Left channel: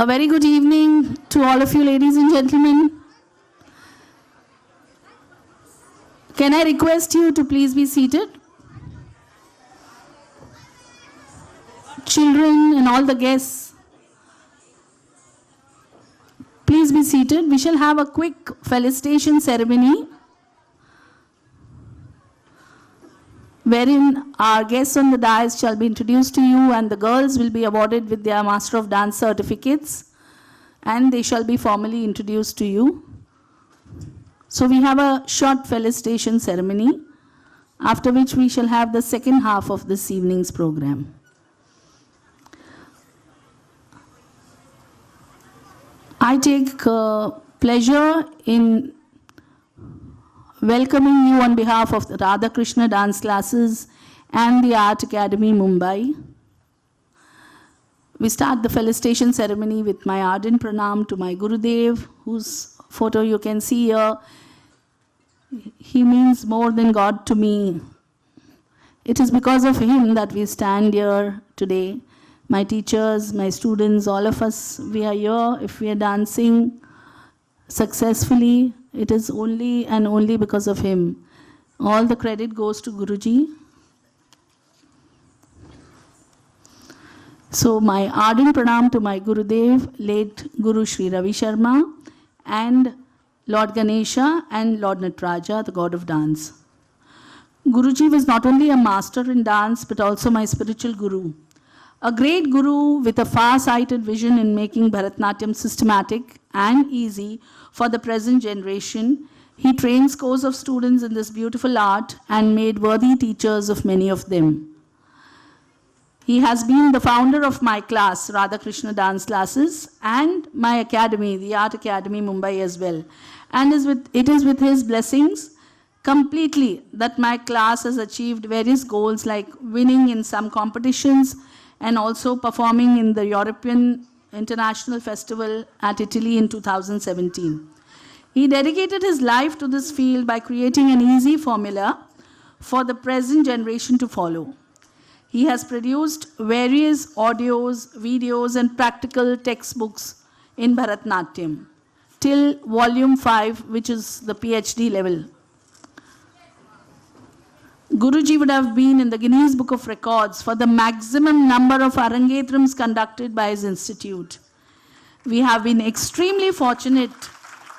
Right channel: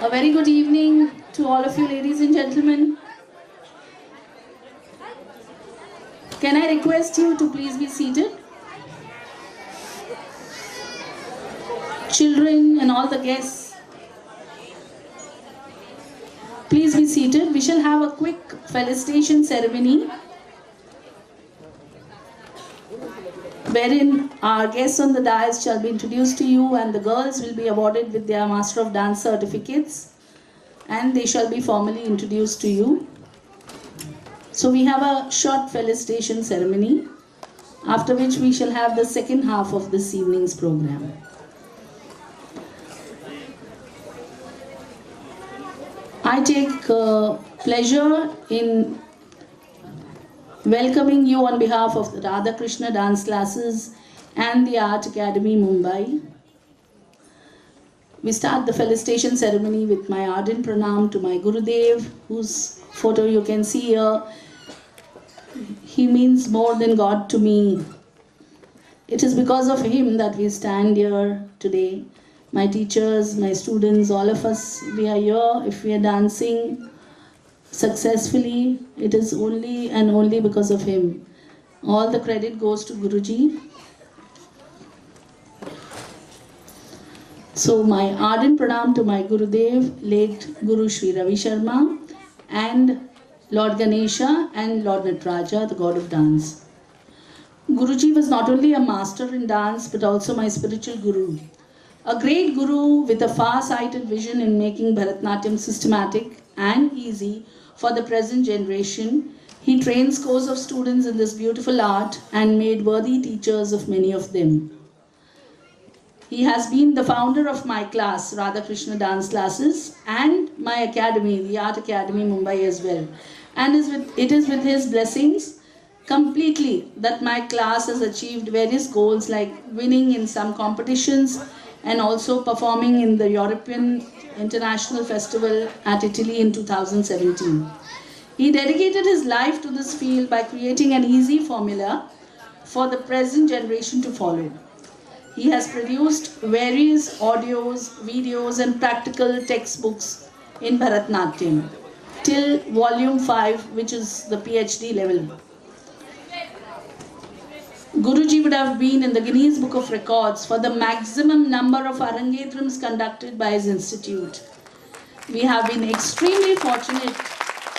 A very good evening to all of you, ladies and gentlemen. Can I request you to please be seated? Children and all the guests, please be seated. We shall have a quick felicitation ceremony wherein our guests on the dais shall be introduced to you, and the girls will be awarded with their Master of Dance certificates, and they shall be formally introduced to you. So we have a short felicitation ceremony, after which we shall have the second half of this evening's program. I take pleasure in welcoming you on behalf of the Radha Krishna Dance Classes and the Art Academy, Mumbai. We start the felicitation ceremony with my ardent pranam to my Gurudev, whose photo you can see here. He means more than God to me. It is because of him that we stand here today. My teachers, my students, all of us, we are here. If we are dancing successfully, it is only and only because of him. All the credit goes to Guruji. So my ardent pranam to my Gurudev, late Guru Sri Ravi Sharma, and Lord Ganesha and Lord Nataraja, the god of dance. Guruji was not only a master in dance but also my spiritual guru. A great guru with a far-sighted vision in making Bharatanatyam systematic and easy for the present generation. He trained scores of students in this beautiful art and made worthy teachers of many of them. He has been the founder of my class, Radha Krishna Dance Classes, and my academy, the Art Academy, Mumbai as well. And it is with his blessings completely that my class has achieved various goals like winning in some competitions and also performing in the European International Festival at Italy in 2017. He dedicated his life to this field by creating an easy formula for the present generation to follow. He has produced various audios, videos and practical textbooks in Bharatanatyam till volume 5, which is the PhD level. Guruji would have been in the Guinness Book of Records for the maximum number of Arangetrams conducted by his institute. We have been extremely fortunate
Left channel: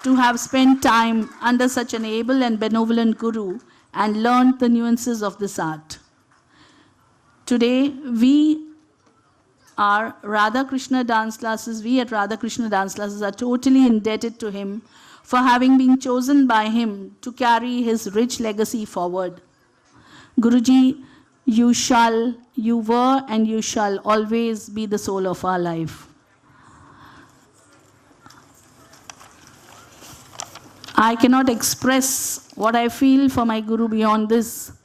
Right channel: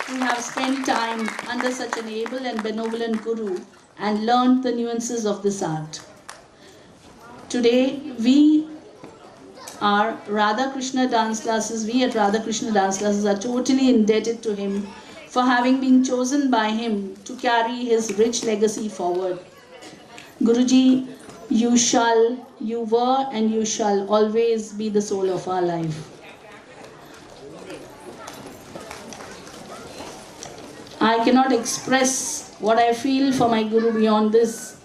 to have spent time under such an able and benevolent Guru and learned the nuances of this art. Today, we are Radha Krishna Dance Classes, we at Radha Krishna Dance Classes are totally indebted to him for having been chosen by him to carry his rich legacy forward. Guruji, you were and you shall always be the soul of our life. I cannot express what I feel for my Guru beyond this.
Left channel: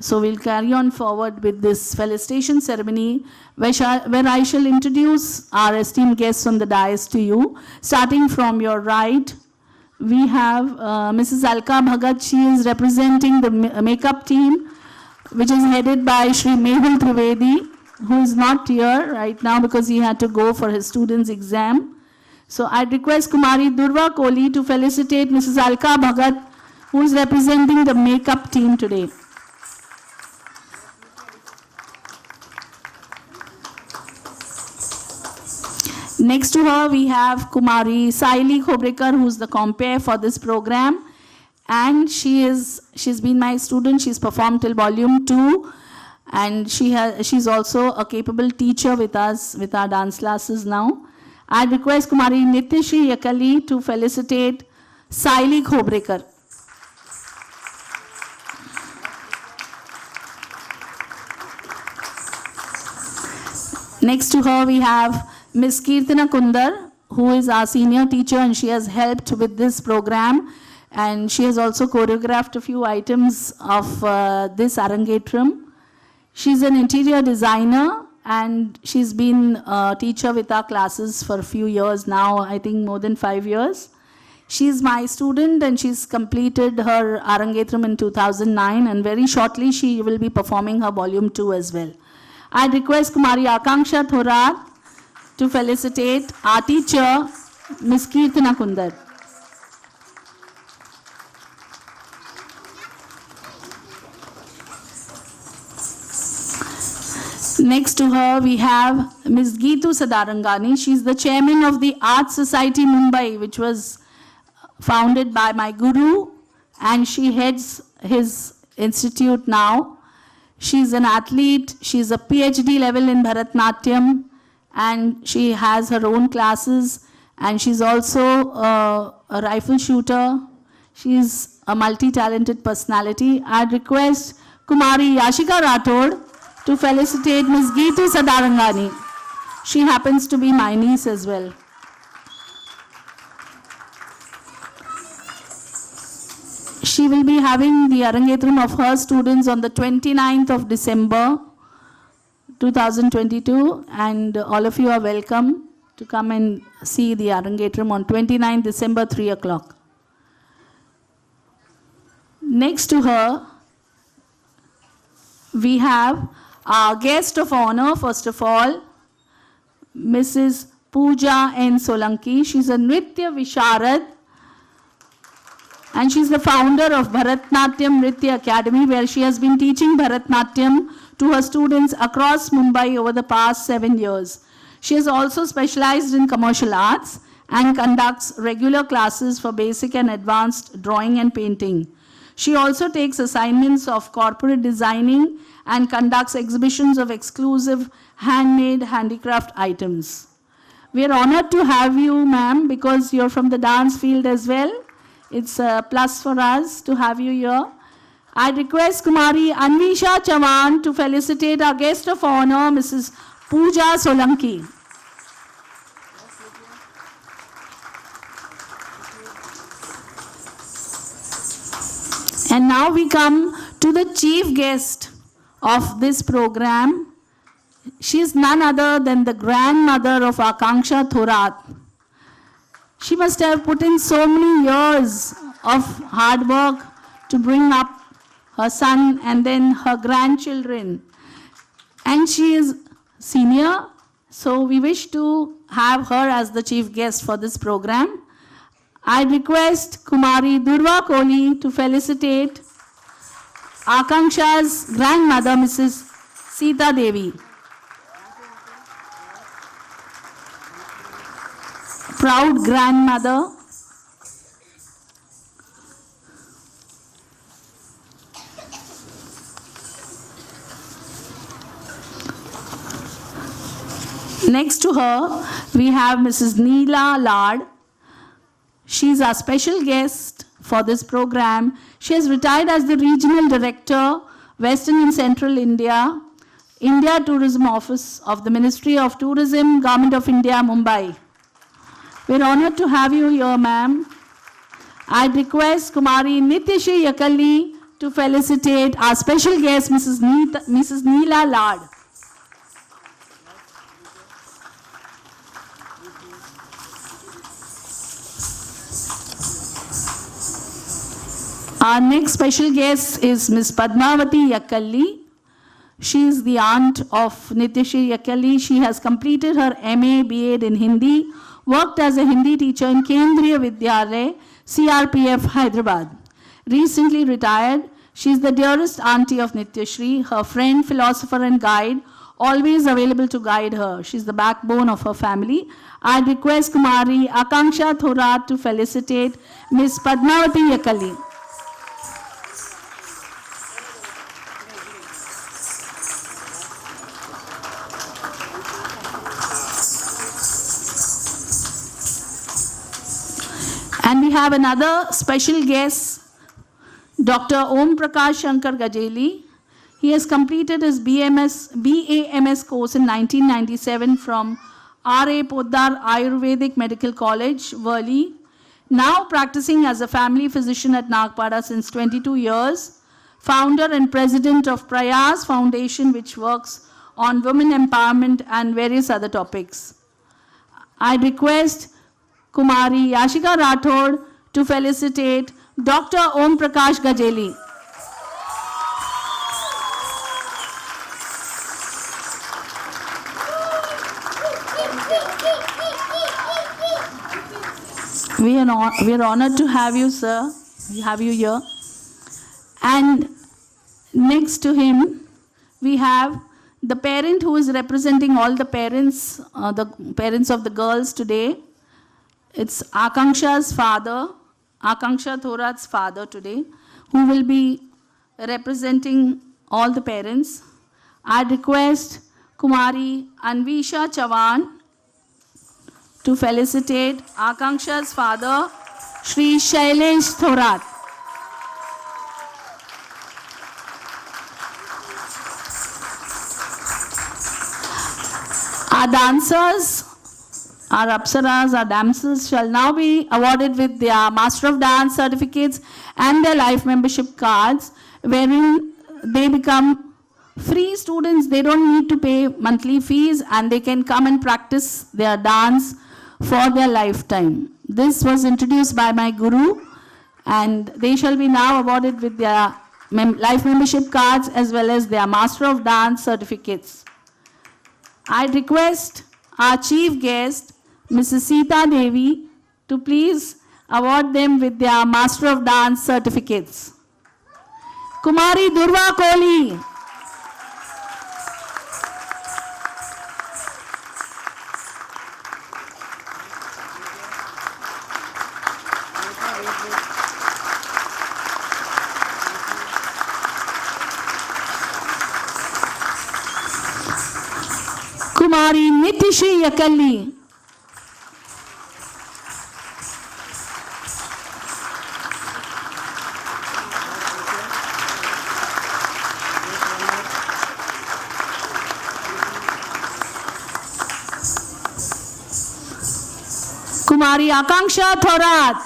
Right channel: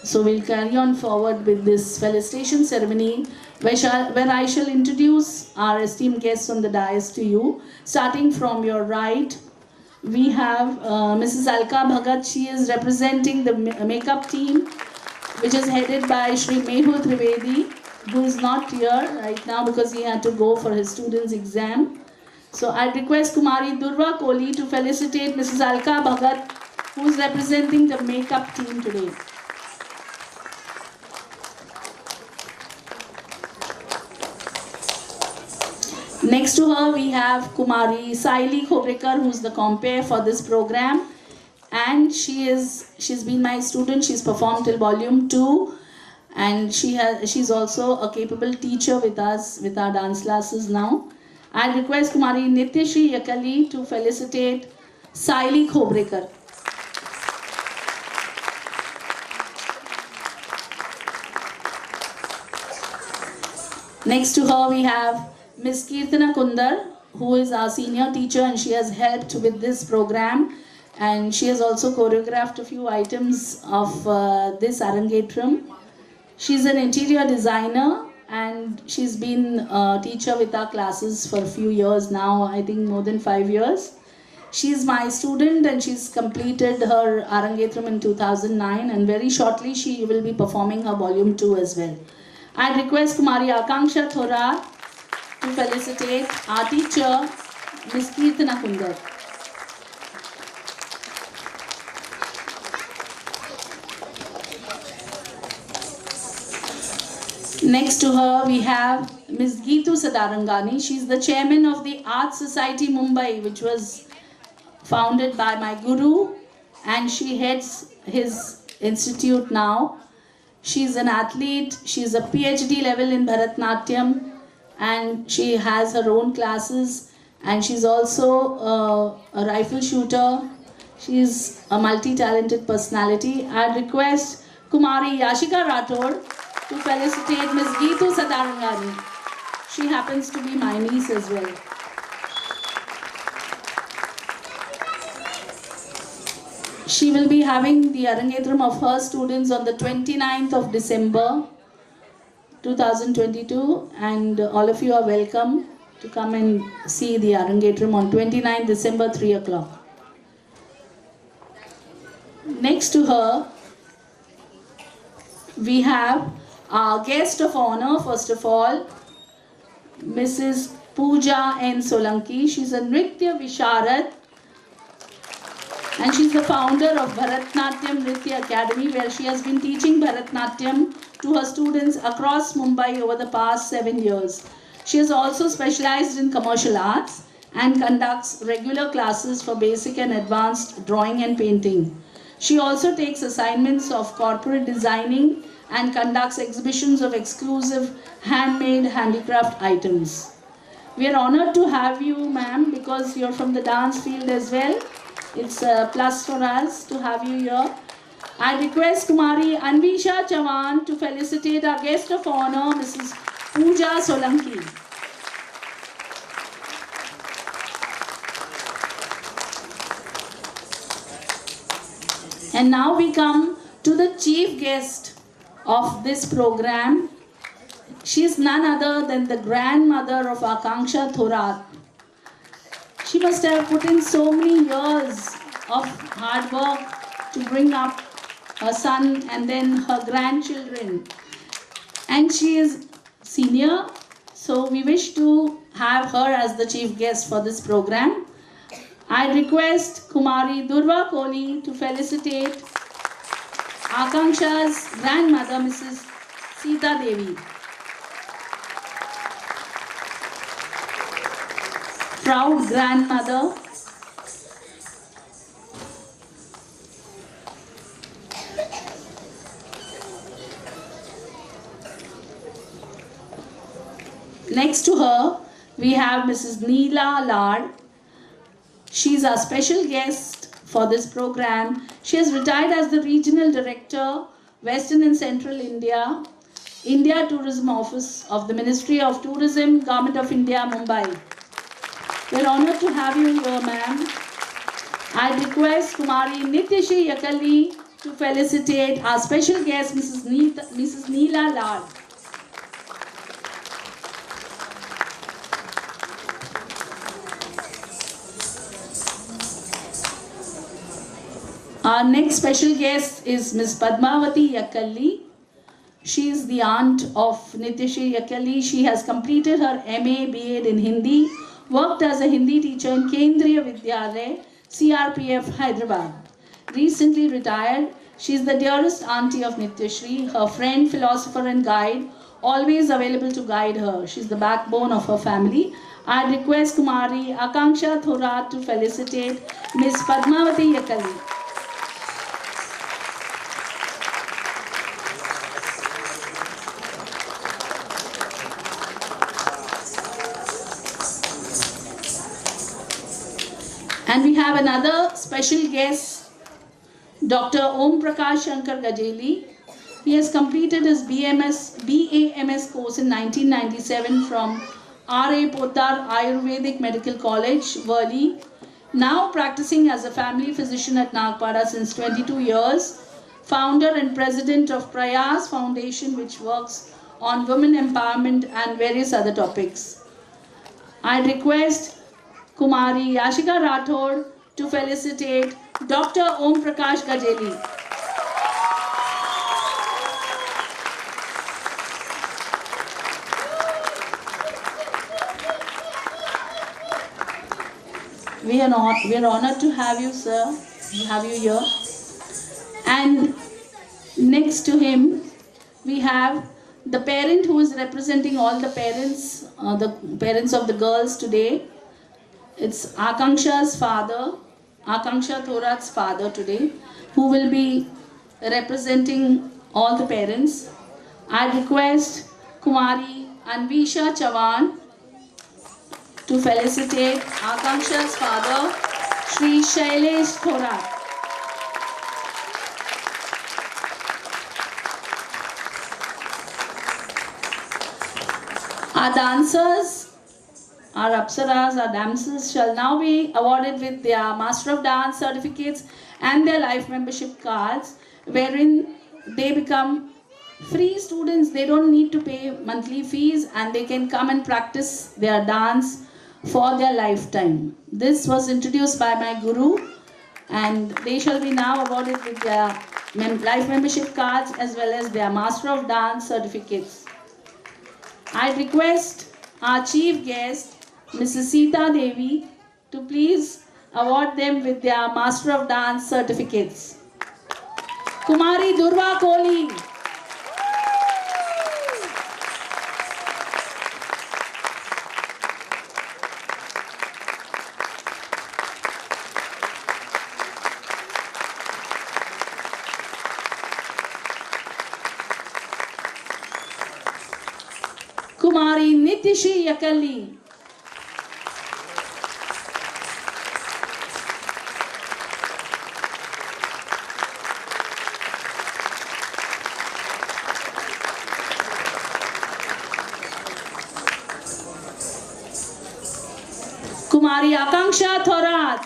So we'll carry on forward with this felicitation ceremony where I shall introduce our esteemed guests on the dais to you. Starting from your right, we have Mrs. Alka Bhagat. She is representing the makeup team, which is headed by Shri Mehul Trivedi, who is not here right now because he had to go for his student's exam. So I request Kumari Durva Kohli to felicitate Mrs. Alka Bhagat, who is representing the makeup team today. Next to her, we have Kumari Saili Khobrekar, who is the compere for this program. And she's been my student. She's performed till volume 2. And she's also a capable teacher with us, with our dance classes now. I request Kumari Nitishri Yakali to felicitate Saili Khobrekar. Next to her, we have Ms. Kirtana Kundar, who is our senior teacher, and she has helped with this program, and she has also choreographed a few items of this Arangetram. She's an interior designer and she's been a teacher with our classes for a few years now, I think more than 5 years. She's my student and she's completed her Arangetram in 2009, and very shortly she will be performing her volume 2 as well. I request Kumari Akanksha Thora to felicitate our teacher, Ms. Kirtana Kundar. Next to her, we have Ms. Geetu Sadarangani. She is the chairman of the Art Society Mumbai, which was founded by my guru, and she heads his institute now. She is an athlete. She is a PhD level in Bharatnatyam, and she has her own classes. And she's also a rifle shooter. She is a multi-talented personality. I'd request Kumari Yashika Rathod to felicitate Ms. Geetu Sadarangani. She happens to be my niece as well. She will be having the Arangetram of her students on the 29th of December 2022, and all of you are welcome to come and see the Arangetram on 29th December 3 o'clock. Next to her, we have our guest of honor, first of all, Mrs. Pooja N. Solanki. She's a Nritya Visharad, and she's the founder of Bharatnatyam Nritya Academy, where she has been teaching Bharatnatyam to her students across Mumbai over the past 7 years. She is also specialized in commercial arts and conducts regular classes for basic and advanced drawing and painting. She also takes assignments of corporate designing and conducts exhibitions of exclusive handmade handicraft items. We are honored to have you, ma'am, because you're from the dance field as well. It's a plus for us to have you here. I request Kumari Anvisha Chavan to felicitate our guest of honor, Mrs. Pooja Solanki. And now we come to the chief guest of this program. She is none other than the grandmother of Akanksha Thorat. She must have put in so many years of hard work to bring up her son and then her grandchildren. And she is senior, so we wish to have her as the chief guest for this program. I request Kumari Durva Kohli to felicitate Akanksha's grandmother, Mrs. Sita Devi. Proud grandmother. Next to her, we have Mrs. Neela Lad. She is our special guest for this program. She has retired as the Regional Director, Western and Central India, India Tourism Office of the Ministry of Tourism, Government of India, Mumbai. We are honored to have you here, ma'am. I request Kumari Nitishi Yakalli to felicitate our special guest, Mrs. Neela Lad. Our next special guest is Ms. Padmavati Yakalli. She is the aunt of Nitishi Yakalli. She has completed her MA, B.Ed in Hindi, worked as a Hindi teacher in Kendriya Vidyalaya, CRPF, Hyderabad. Recently retired, she is the dearest auntie of Nityashri, her friend, philosopher and guide, always available to guide her. She is the backbone of her family. I request Kumari Akanksha Thorat to felicitate Ms. Padmavati Yakalli. And we have another special guest, Dr. Om Prakash Shankar Gajeli. He has completed his BAMS course in 1997 from R.A. Poddar Ayurvedic Medical College, Worli. Now practicing as a family physician at Nagpada since 22 years. Founder and president of Prayas Foundation, which works on women empowerment and various other topics. I request Kumari Yashika Rathod to felicitate Dr. Om Prakash Gajeli. We are honored to have you, sir. We have you here. And next to him, we have the parent who is representing all the parents of the girls today. It's Akanksha's father, Akanksha Thorat's father today, who will be representing all the parents. I request Kumari Anvisha Chavan to felicitate Akanksha's father, Shri Shailesh Thorat. Our dancers, our Apsaras, our dancers shall now be awarded with their Master of Dance certificates and their life membership cards, wherein they become free students. They don't need to pay monthly fees and they can come and practice their dance for their lifetime. This was introduced by my guru, and they shall be now awarded with their life membership cards as well as their Master of Dance certificates. I request our chief guest, Mrs. Sita Devi, to please award them with their Master of Dance certificates. Kumari Durva Kohli. Kumari Nitishri Yakalli. Kumari Akanksha Thorat.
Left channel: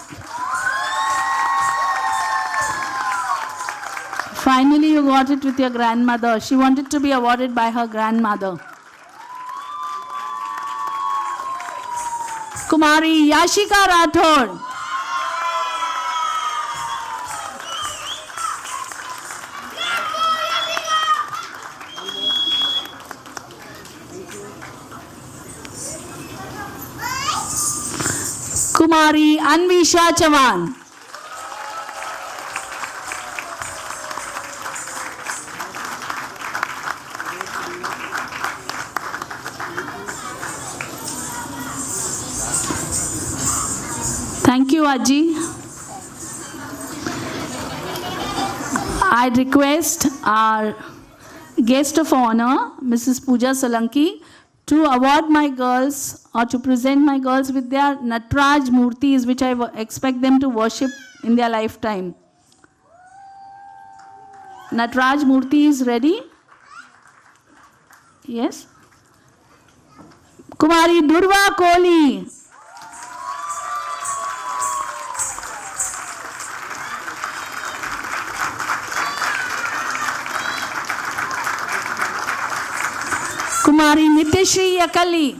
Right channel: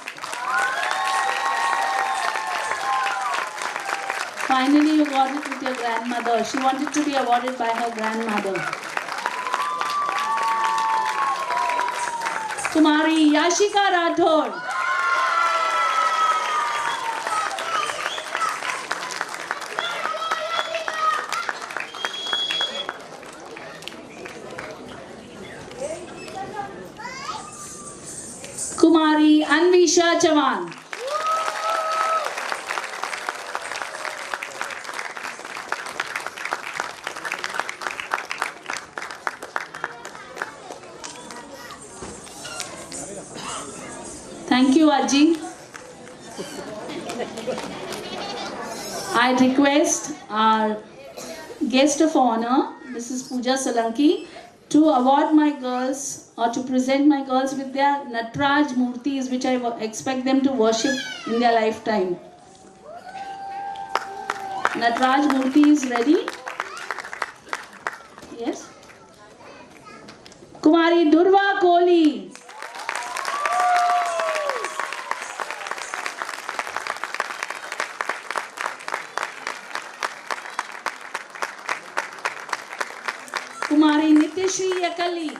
Finally, you got it with your grandmother. She wanted to be awarded by her grandmother. Kumari Yashika Rathod. Kumari Anvisha Chavan. Thank you, Aji. I request our guest of honor, Mrs. Pooja Solanki, to award my girls or to present my girls with their Natraj Murtis, which I expect them to worship in their lifetime. Natraj Murti is ready? Yes? Kumari Durva Kohli. Kumari Nitishri Yakalli.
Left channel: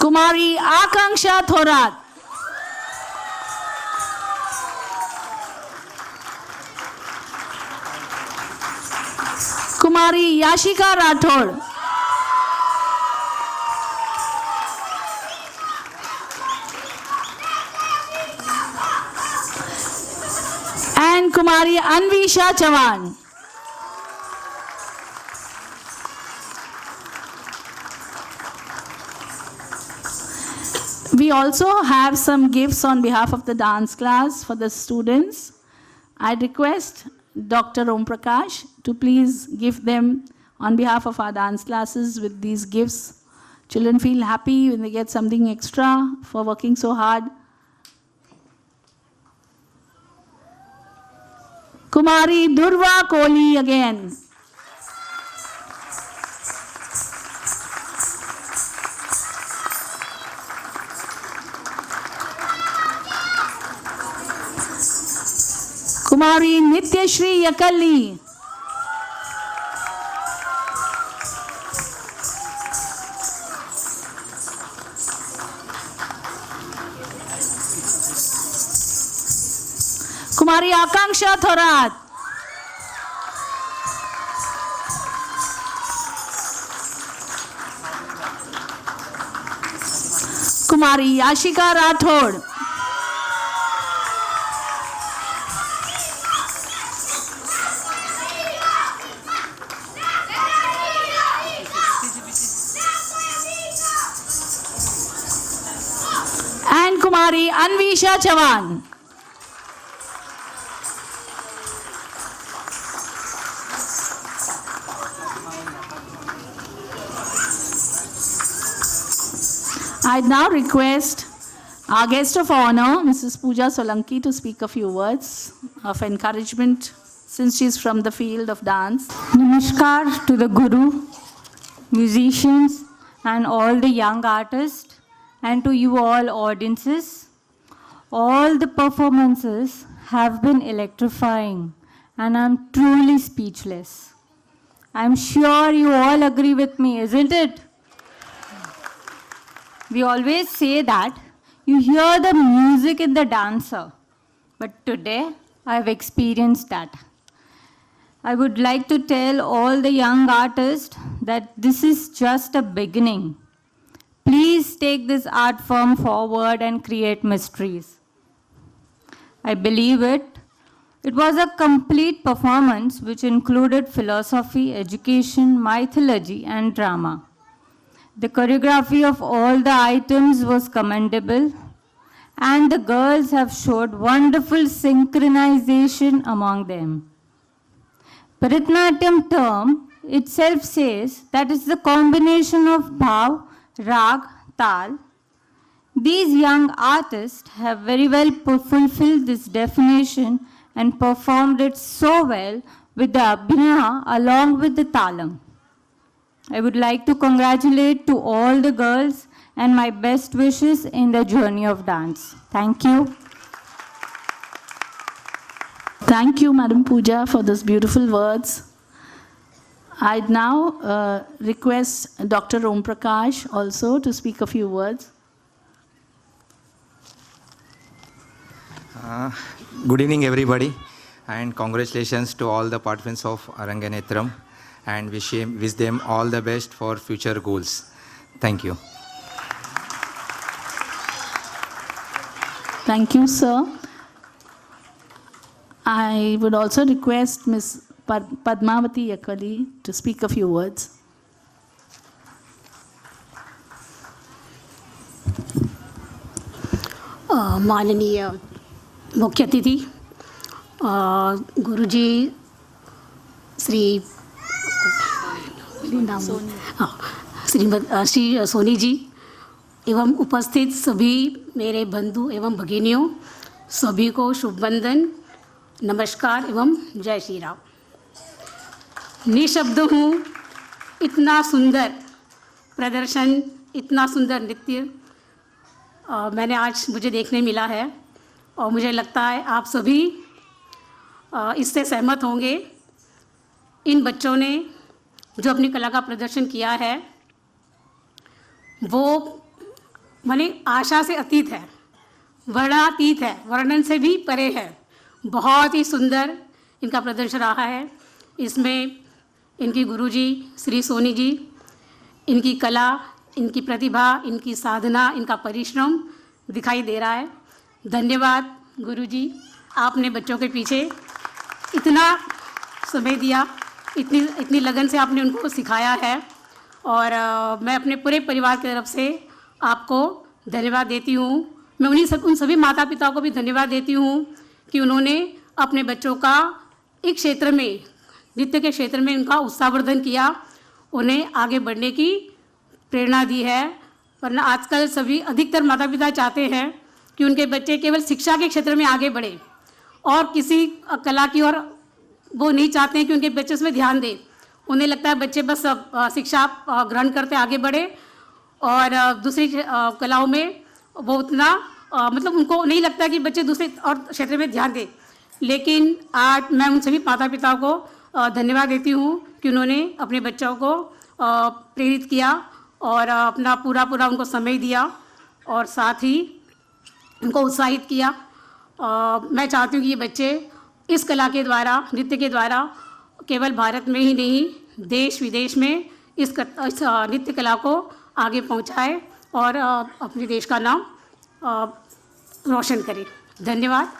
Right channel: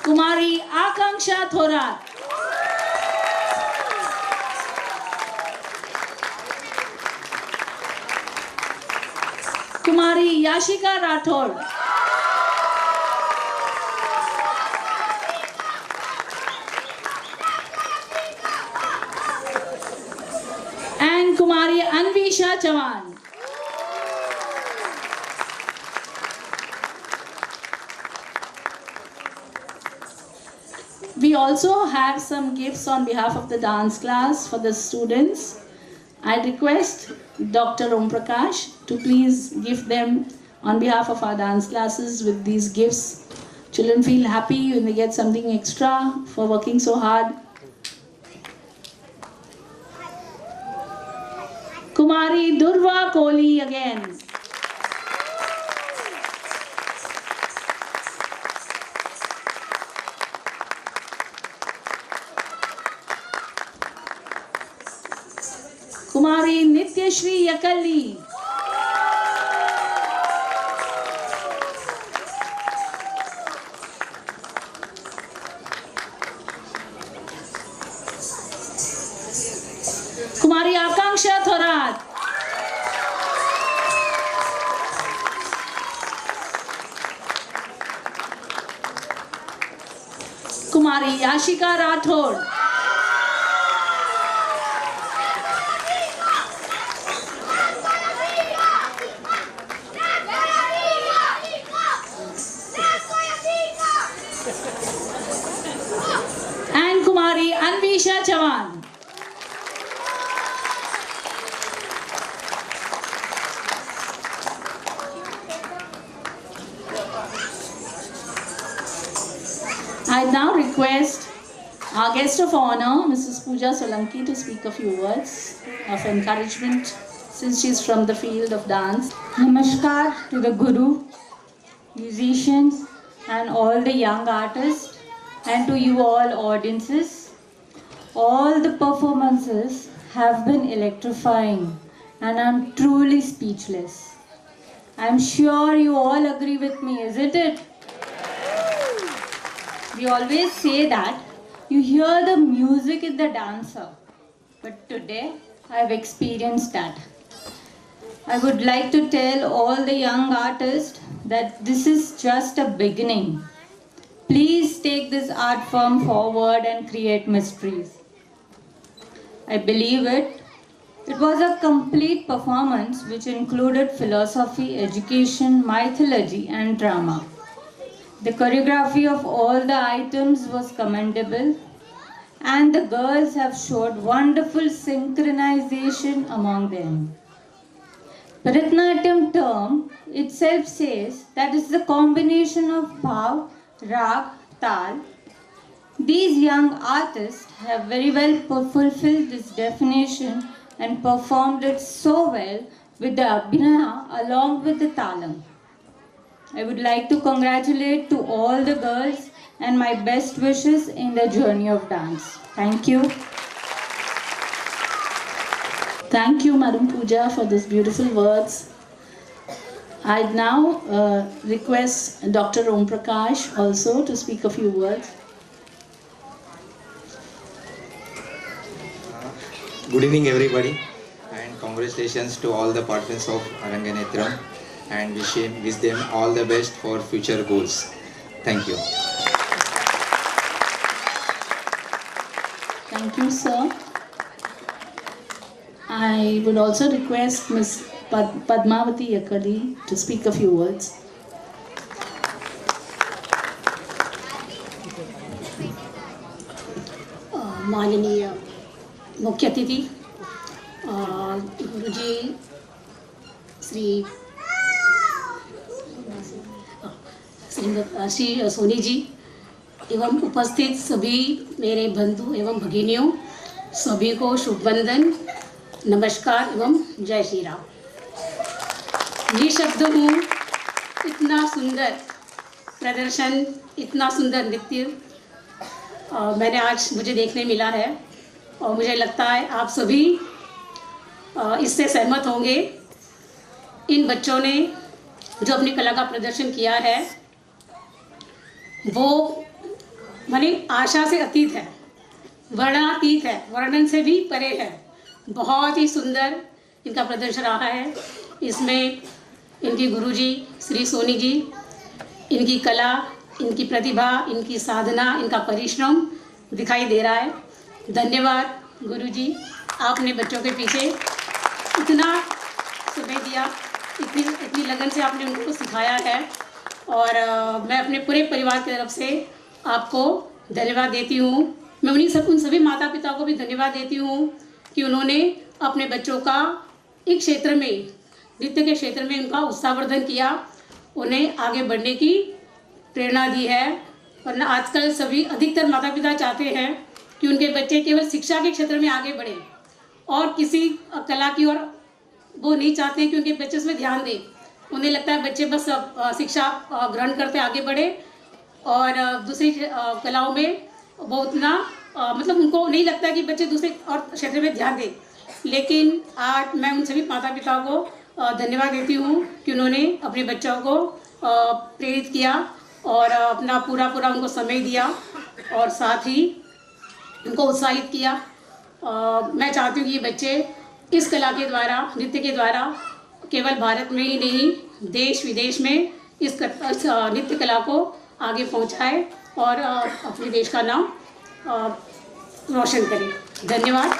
Kumari Akanksha Thorat. Kumari Yashika Rathod. And Kumari Anvisha Chavan. We also have some gifts on behalf of the dance class for the students. I request Dr. Om Prakash to please give them on behalf of our dance classes with these gifts. Children feel happy when they get something extra for working so hard. Kumari Durva Kohli again. Kumari Nityashri Yakalli. Kumari Akanksha Thorat. Kumari Yashika Rathod. And Kumari Anvisha Chavan. I now request our guest of honor, Mrs. Pooja Solanki, to speak a few words of encouragement since she is from the field of dance. Namaskar to the Guru, musicians and all the young artists, and to you all audiences. All the performances have been electrifying and I'm truly speechless. I'm sure you all agree with me, isn't it? We always say that you hear the music in the dancer, but today I've experienced that. I would like to tell all the young artists that this is just a beginning. Please take this art form forward and create mysteries. I believe it. It was a complete performance which included philosophy, education, mythology and drama. The choreography of all the items was commendable and the girls have showed wonderful synchronization among them. Bharatanatyam term itself says that it's the combination of bhav, rag, tal. These young artists have very well fulfilled this definition and performed it so well with the abhinaya along with the talam. I would like to congratulate to all the girls and my best wishes in the journey of dance. Thank you. Thank you, Madam Pooja, for those beautiful words. I now request Dr. Om Prakash also to speak a few words. Good evening, everybody, and congratulations to all the partners of Aranganetram, and wish them all the best for future goals. Thank you. Thank you, sir. I would also request Ms. Padmavati Yakali to speak a few words. माननीय मुख्य अतिथि गुरुजी श्री सोनी जी एवं उपस्थित सभी मेरे बंधु एवं भगिनियों, सभी को शुभ वंदन, नमस्कार एवं जय श्री राम। निःशब्द हूँ, इतना सुंदर प्रदर्शन, इतना सुंदर नृत्य मैंने आज मुझे देखने मिला है और मुझे लगता है आप सभी इससे सहमत होंगे। इन बच्चों ने जो अपनी कला का प्रदर्शन किया है वो हमारी आशा से अतीत है, वर्णनातीत है, वर्णन से भी परे है। बहुत ही सुंदर इनका प्रदर्शन रहा है। इसमें इनके गुरुजी श्री सोनी जी, इनकी कला, इनकी प्रतिभा, इनकी साधना, इनका परिश्रम दिखाई दे रहा है। धन्यवाद गुरुजी, आपने बच्चों के पीछे इतना समय दिया, इतनी लगन से आपने उनको सिखाया है और मैं अपने पूरे परिवार की तरफ से आपको धन्यवाद देती हूँ। मैं उन सभी माता पिता को भी धन्यवाद देती हूँ कि उन्होंने अपने बच्चों का एक क्षेत्र में, नृत्य के क्षेत्र में उनका उत्साहवर्धन किया, उन्हें आगे बढ़ने की प्रेरणा दी है। वरना आजकल सभी अधिकतर माता पिता चाहते हैं कि उनके बच्चे केवल शिक्षा के क्षेत्र में आगे बढ़े और किसी कला की ओर वो नहीं चाहते कि उनके बच्चे उसमें ध्यान दें। उन्हें लगता है बच्चे बस शिक्षा ग्रहण करते आगे बढ़े और दूसरी कलाओं में वो उतना मतलब उनको नहीं लगता कि बच्चे दूसरे और क्षेत्र में ध्यान दें। लेकिन आज मैं उन सभी माता पिता को धन्यवाद देती हूँ कि उन्होंने अपने बच्चों को प्रेरित किया और अपना पूरा उनको समय दिया और साथ ही उनको उत्साहित किया। मैं चाहती हूँ कि ये बच्चे इस कला के द्वारा, नृत्य के द्वारा केवल भारत में ही नहीं, देश विदेश में इस नृत्य कला को आगे पहुँचाए और अपने देश का नाम रोशन करें। धन्यवाद।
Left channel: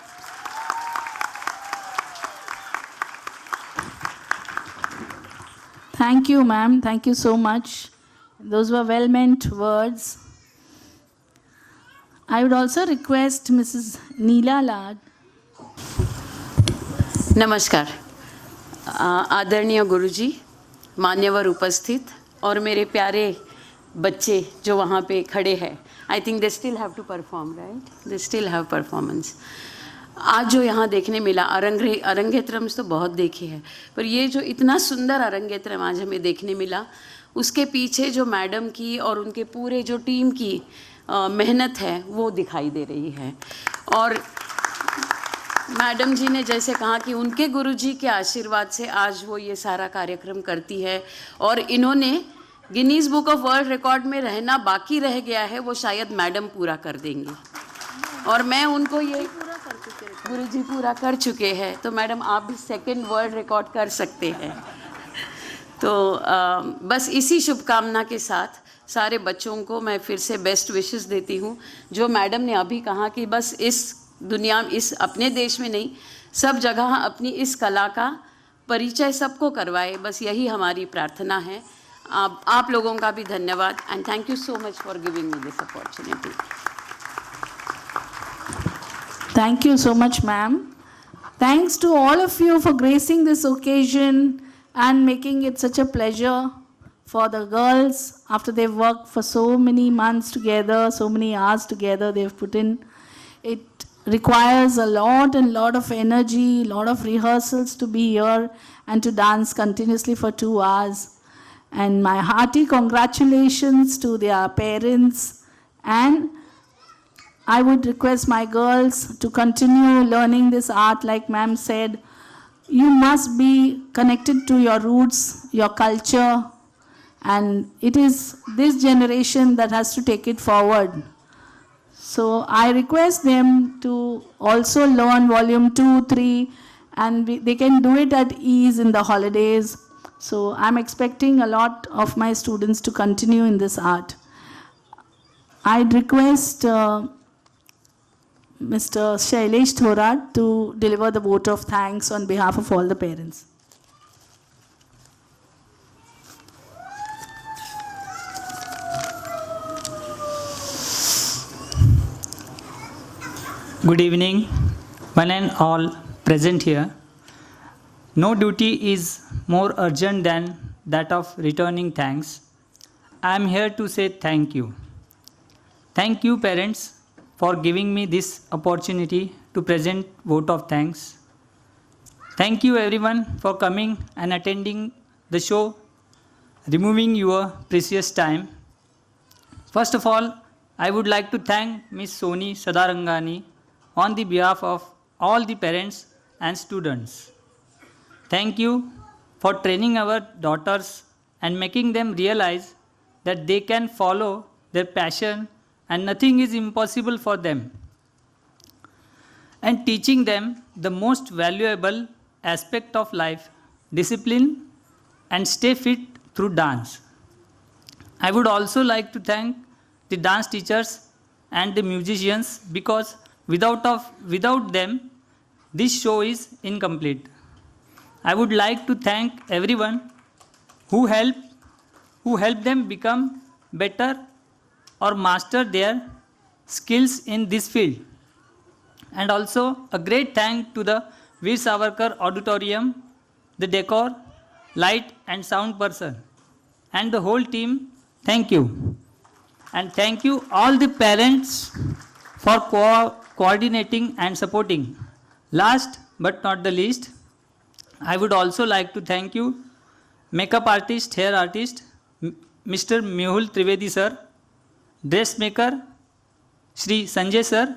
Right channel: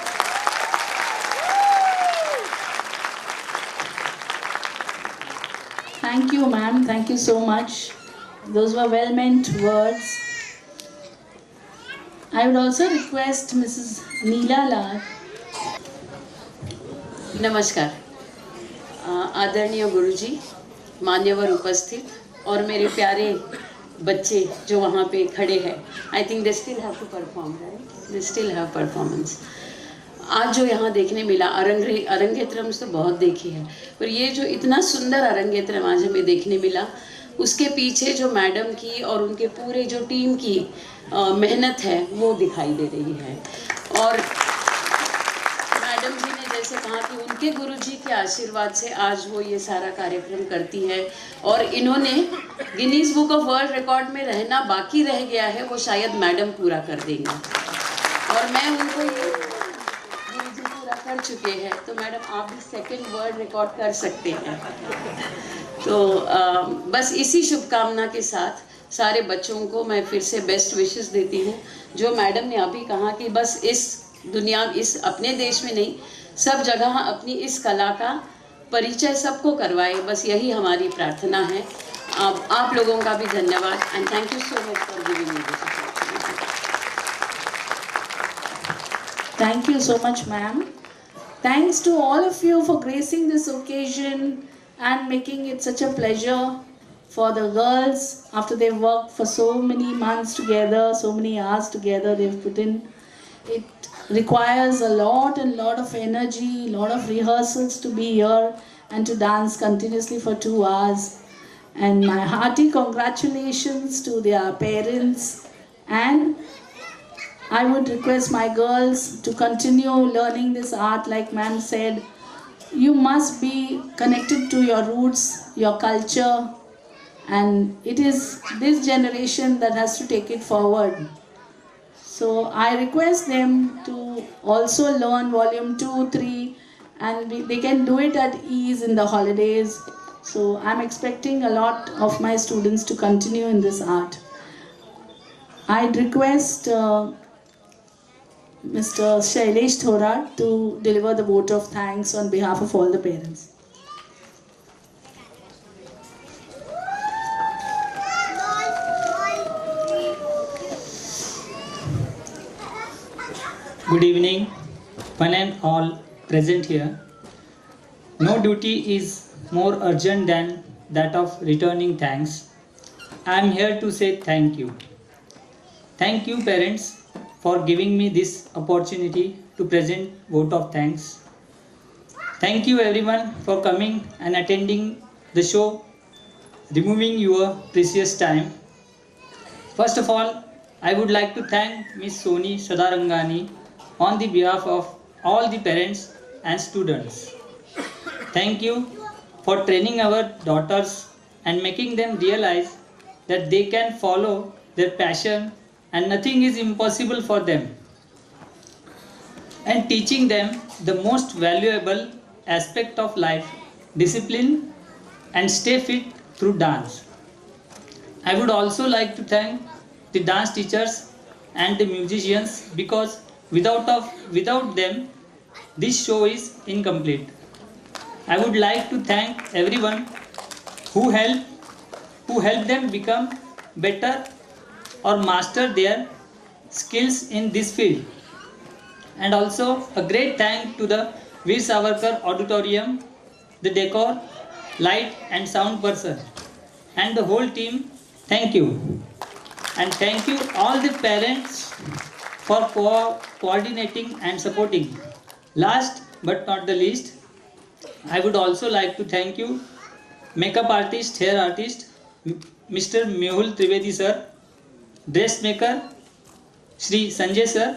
Thank you, ma'am. Thank you so much. Those were well-meant words. I would also request Mrs. Neela Lal. नमस्कार। आदरणीय गुरुजी, मान्यवर उपस्थित और मेरे प्यारे बच्चे जो वहाँ पे खड़े हैं, I think they still have to perform, right? They still have performance. आज जो यहाँ देखने मिला अरंगेत्रम तो बहुत देखी है, पर ये जो इतना सुंदर अरंगेत्रम आज हमें देखने मिला, उसके पीछे जो मैडम की और उनके पूरे जो टीम की मेहनत है वो दिखाई दे रही है। और मैडम जी ने जैसे कहा कि उनके गुरुजी के आशीर्वाद से आज वो ये सारा कार्यक्रम करती है, और इन्होंने Guinness book of world record में रहना बाकी रह गया है, वो शायद मैडम पूरा कर देंगी, और मैं उनको ये गुरुजी पूरा कर चुके हैं, तो मैडम आप भी सेकंड वर्ल्ड रिकॉर्ड कर सकते हैं। तो बस इसी शुभकामना के साथ सारे बच्चों को मैं फिर से बेस्ट विशेस देती हूँ। जो मैडम ने अभी कहा कि बस इस दुनिया, इस अपने देश में नहीं, सब जगह अपनी इस कला का परिचय सबको करवाए, बस यही हमारी प्रार्थना है। आप लोगों का भी धन्यवाद, and thank you so much for giving me this opportunity. Thank you so much, ma'am. Thanks to all of you for gracing this occasion and making it such a pleasure for the girls after they've worked for so many months together, so many hours together they've put in. It requires a lot of energy, lot of rehearsals to be here and to dance continuously for 2 hours. And my hearty congratulations to their parents, and I would request my girls to continue learning this art. Like ma'am said, you must be connected to your roots, your culture, and it is this generation that has to take it forward. So I request them to also learn volume 2, 3, and they can do it at ease in the holidays. So I'm expecting a lot of my students to continue in this art. I'd request Mr. Shailesh Thorat to deliver the vote of thanks on behalf of all the parents. Good evening, one and all present here. No duty is more urgent than that of returning thanks. I am here to say thank you. Thank you, parents, for giving me this opportunity to present vote of thanks. Thank you everyone for coming and attending the show, removing your precious time. First of all, I would like to thank Miss Soni Sadarangani on the behalf of all the parents and students. Thank you for training our daughters and making them realize that they can follow their passion and nothing is impossible for them, and teaching them the most valuable aspect of life, discipline, and stay fit through dance. I would also like to thank the dance teachers and the musicians, because without them this show is incomplete. I would like to thank everyone who helped them become better or master their skills in this field. And also a great thank to the Veer Savarkar Auditorium, the decor, light and sound person, and the whole team. Thank you. And thank you all the parents for coordinating and supporting. Last but not the least, I would also like to thank you, makeup artist, hair artist, Mr. Mehul Trivedi sir, dressmaker Shri Sanjay sir,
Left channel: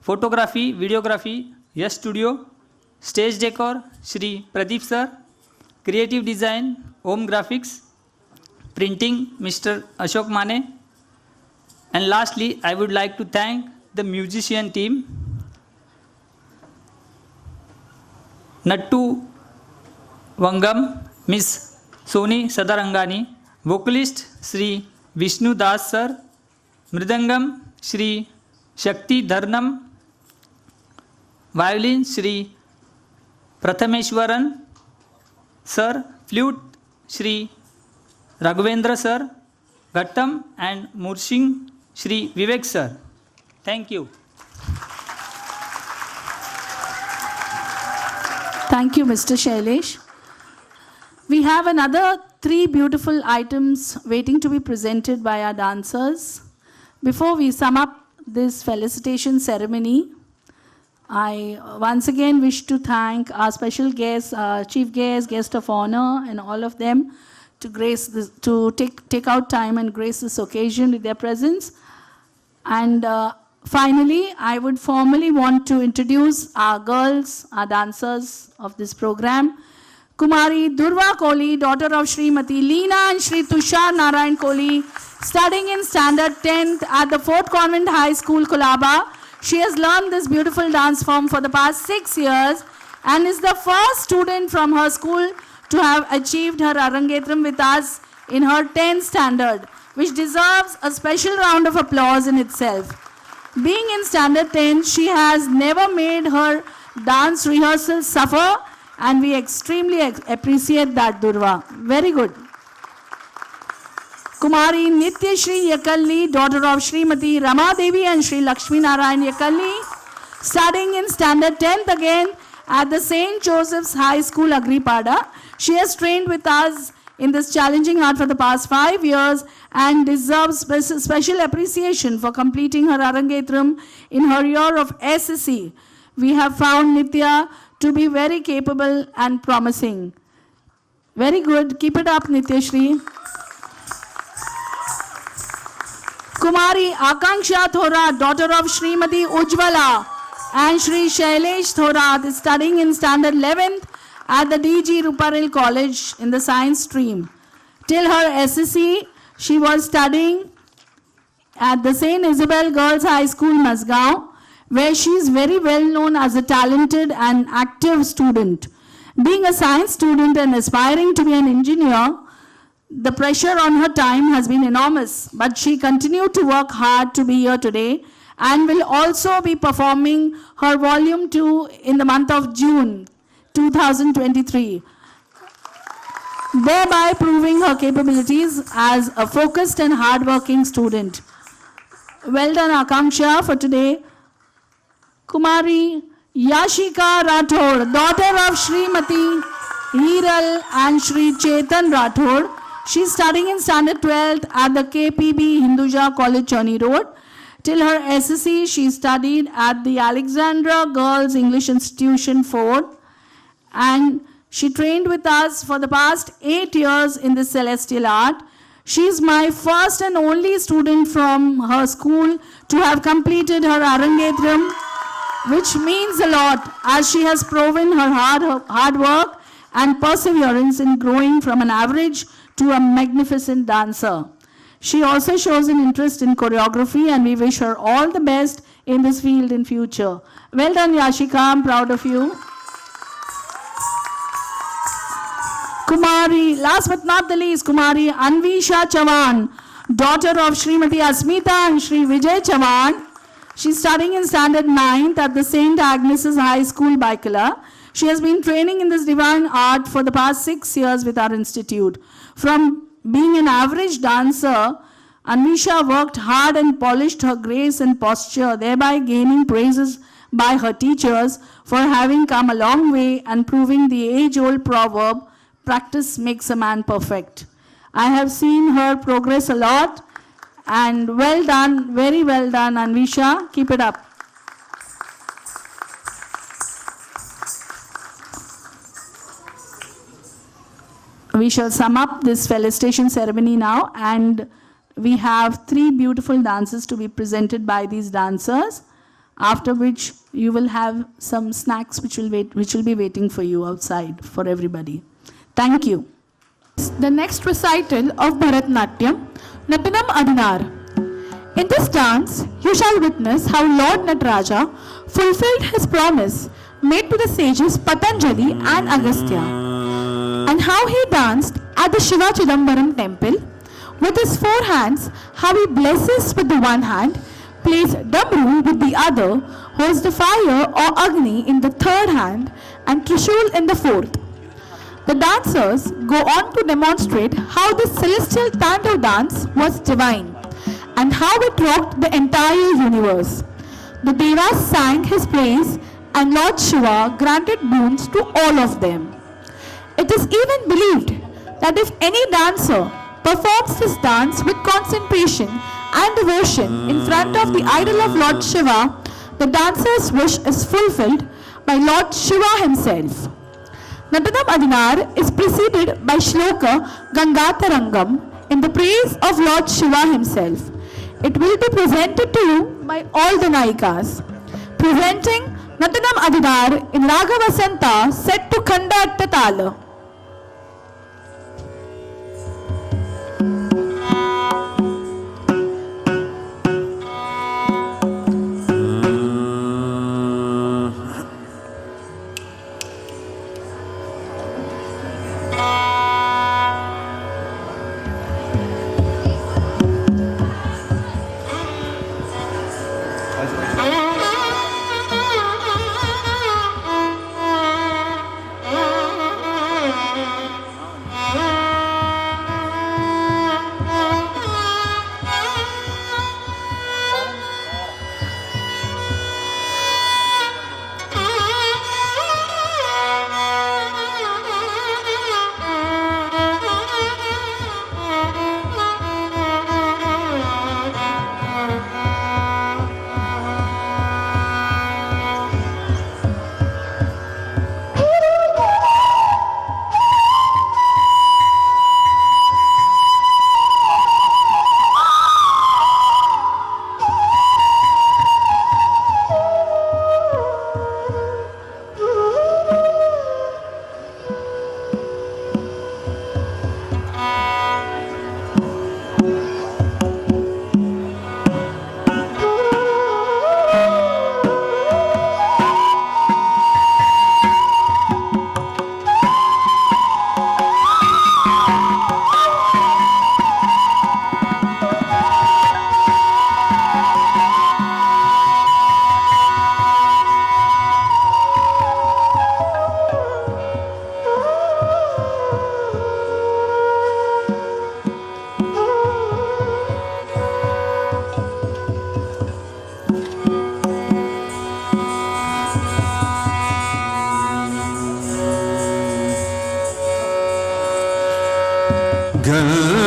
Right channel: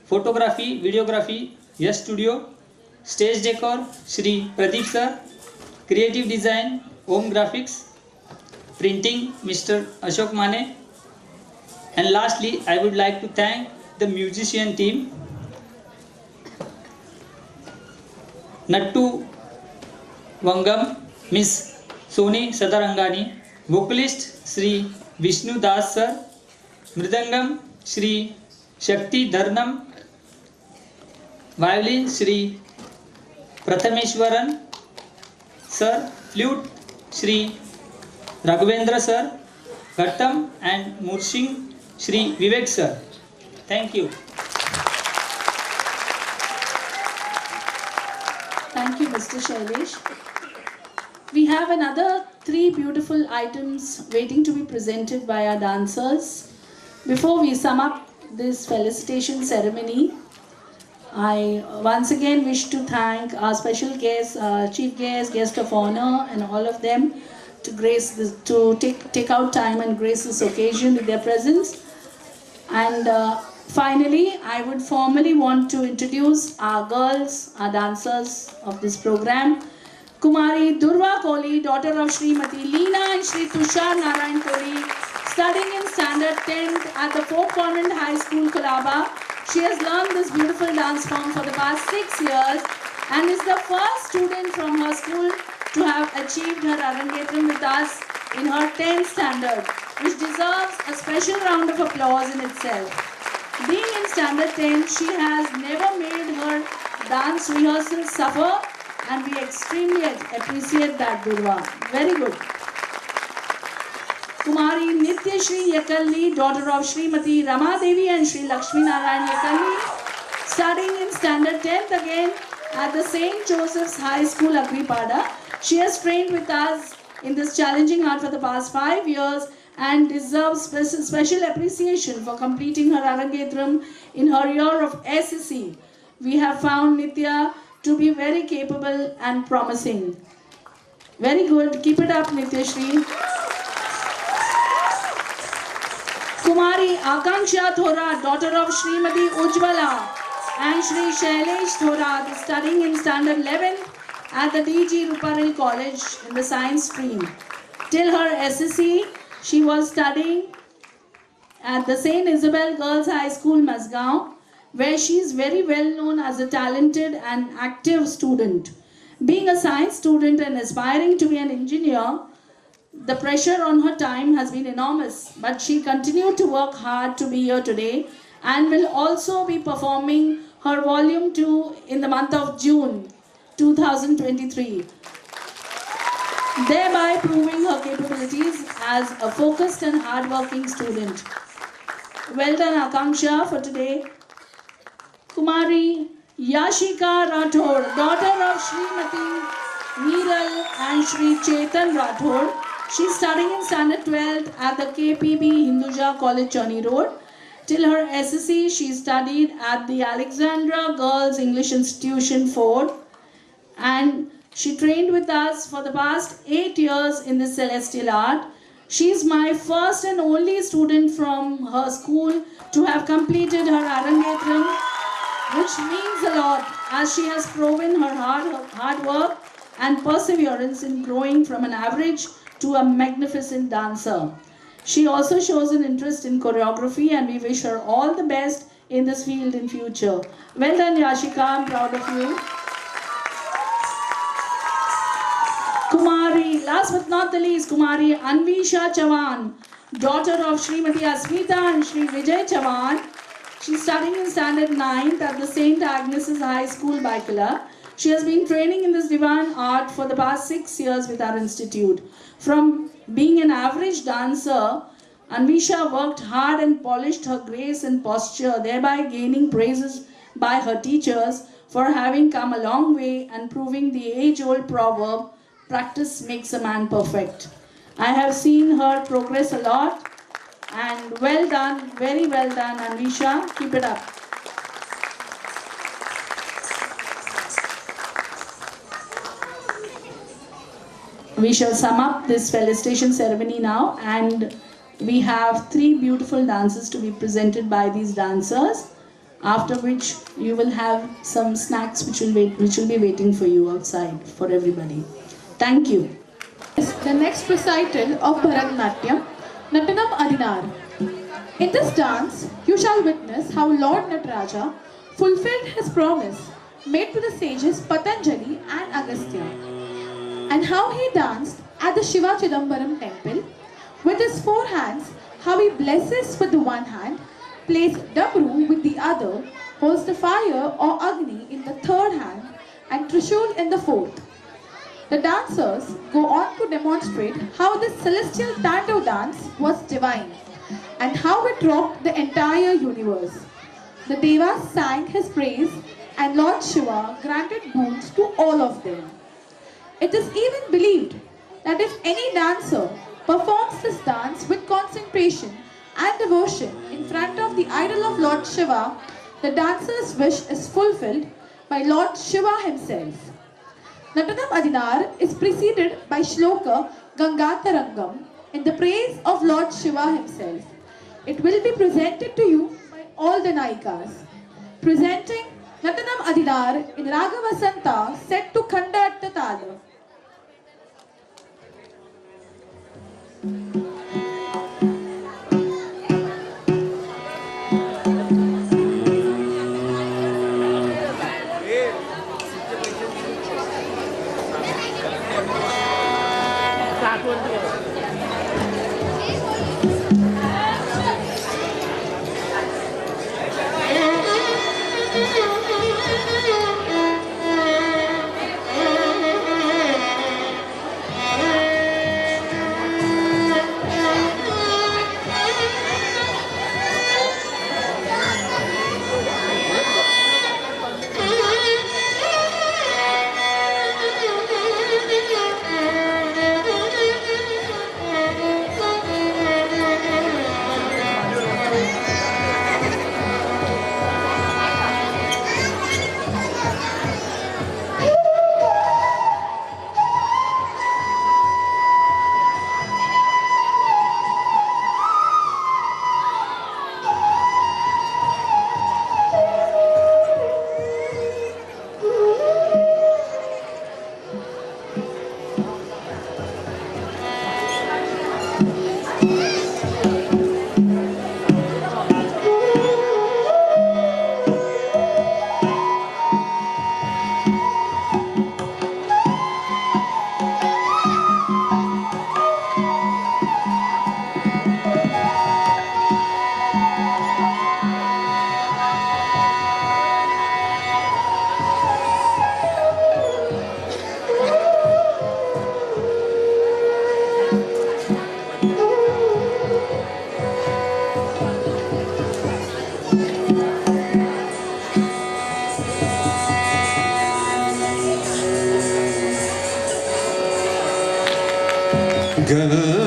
photography, videography, Yes Studio, stage decor Shri Pradeep sir, creative design Om Graphics, printing Mr. Ashok Mane, and lastly I would like to thank the musician team, Nattu Vangam, Miss Soni Sadarangani, vocalist Sri Vishnu Das sir, Mridangam Shri Shakti Dharnam, violin Shri Prathameshwaran Sir, flute Shri Raghavendra Sir, Ghattam and Murshing Shri Vivek Sir. Thank you. Thank you, Mr. Shailesh. We have another 3 beautiful items waiting to be presented by our dancers. Before we sum up this felicitation ceremony, I once again wish to thank our special guests, chief guest, guest of honor, and all of them to take out time and grace this occasion with their presence. And finally, I would formally want to introduce our girls, our dancers of this program. Kumari Durva Kohli, daughter of Srimati Leena and Shri Tushar Narayan Kohli, studying in standard 10th at the Fort Convent High School, Colaba. She has learned this beautiful dance form for the past 6 years and is the first student from her school to have achieved her Arangetram with us in her 10th standard, which deserves a special round of applause in itself. Being in standard 10, she has never made her dance rehearsals suffer, and we extremely appreciate that, Durva. Very good. Kumari Nitya Shri Yakalli, daughter of Srimati Rama Devi and Shri Lakshmi Narayan Yakalli, studying in standard 10th again at the St. Joseph's High School, Agripada. She has trained with us in this challenging art for the past 5 years and deserves special appreciation for completing her Arangetram in her year of SSC. We have found Nitya to be very capable and promising. Very good. Keep it up, Nitya Shri. Kumari Akanksha Thora, daughter of Srimati Ujjwala and Shri Shailesh Thora, is studying in standard 11th at the DG Ruparel College in the science stream. Till her SSC, she was studying at the St. Isabel Girls High School, Masgaon, where she is very well known as a talented and active student. Being a science student and aspiring to be an engineer, the pressure on her time has been enormous, but she continued to work hard to be here today and will also be performing her volume 2 in the month of June 2023, thereby proving her capabilities as a focused and hard-working student. Well done, Akanksha, for today. Kumari Yashika Rathod, daughter of Srimati Hiral and Shri Chetan Rathod. She is studying in standard 12th at the KPB Hinduja College, Chani Road. Till her SSC, she studied at the Alexandra Girls English Institution, Ford. And she trained with us for the past 8 years in the celestial art. She is my first and only student from her school to have completed her Arangetram, which means a lot as she has proven her hard work and perseverance in growing from an average to a magnificent dancer. She also shows an interest in choreography and we wish her all the best in this field in future. Well done, Yashika, I'm proud of you. Kumari, last but not the least, Kumari Anvisha Chavan, daughter of Srimati Asmita and Shri Vijay Chavan. She's studying in standard 9th at the St. Agnes's High School, Baikala. She has been training in this divine art for the past 6 years with our institute. From being an average dancer, Anvisha worked hard and polished her grace and posture, thereby gaining praises by her teachers for having come a long way and proving the age-old proverb, practice makes a man perfect. I have seen her progress a lot and well done, very well done, Anvisha. Keep it up. We shall sum up this felicitation ceremony now, and we have 3 beautiful dances to be presented by these dancers, after which you will have some snacks which will be waiting for you outside for everybody. Thank you. The next recital of Bharatnatyam, Natanam Adinar. In this dance, you shall witness how Lord Nataraja fulfilled his promise made to the sages Patanjali and Agastya, and how he danced at the Shiva Chidambaram temple with his 4 hands how he blesses with the one hand, plays Dabru with the other, holds the fire or Agni in the third hand, and Trishul in the fourth. The dancers go on to demonstrate how this celestial Tandav dance was divine and how it rocked the entire universe. The Devas sang his praise and Lord Shiva granted boons to all of them. It is even believed that if any dancer performs this dance with concentration and devotion in front of the idol of Lord Shiva, the dancer's wish is fulfilled by Lord Shiva himself. Natanam Adinar is preceded by Shloka Gangatarangam in the praise of Lord Shiva himself. It will be presented to you by all the Nayikas. Presenting Natanam Adinar in Raga Vasanta set to Khanda Atta Tala. Gama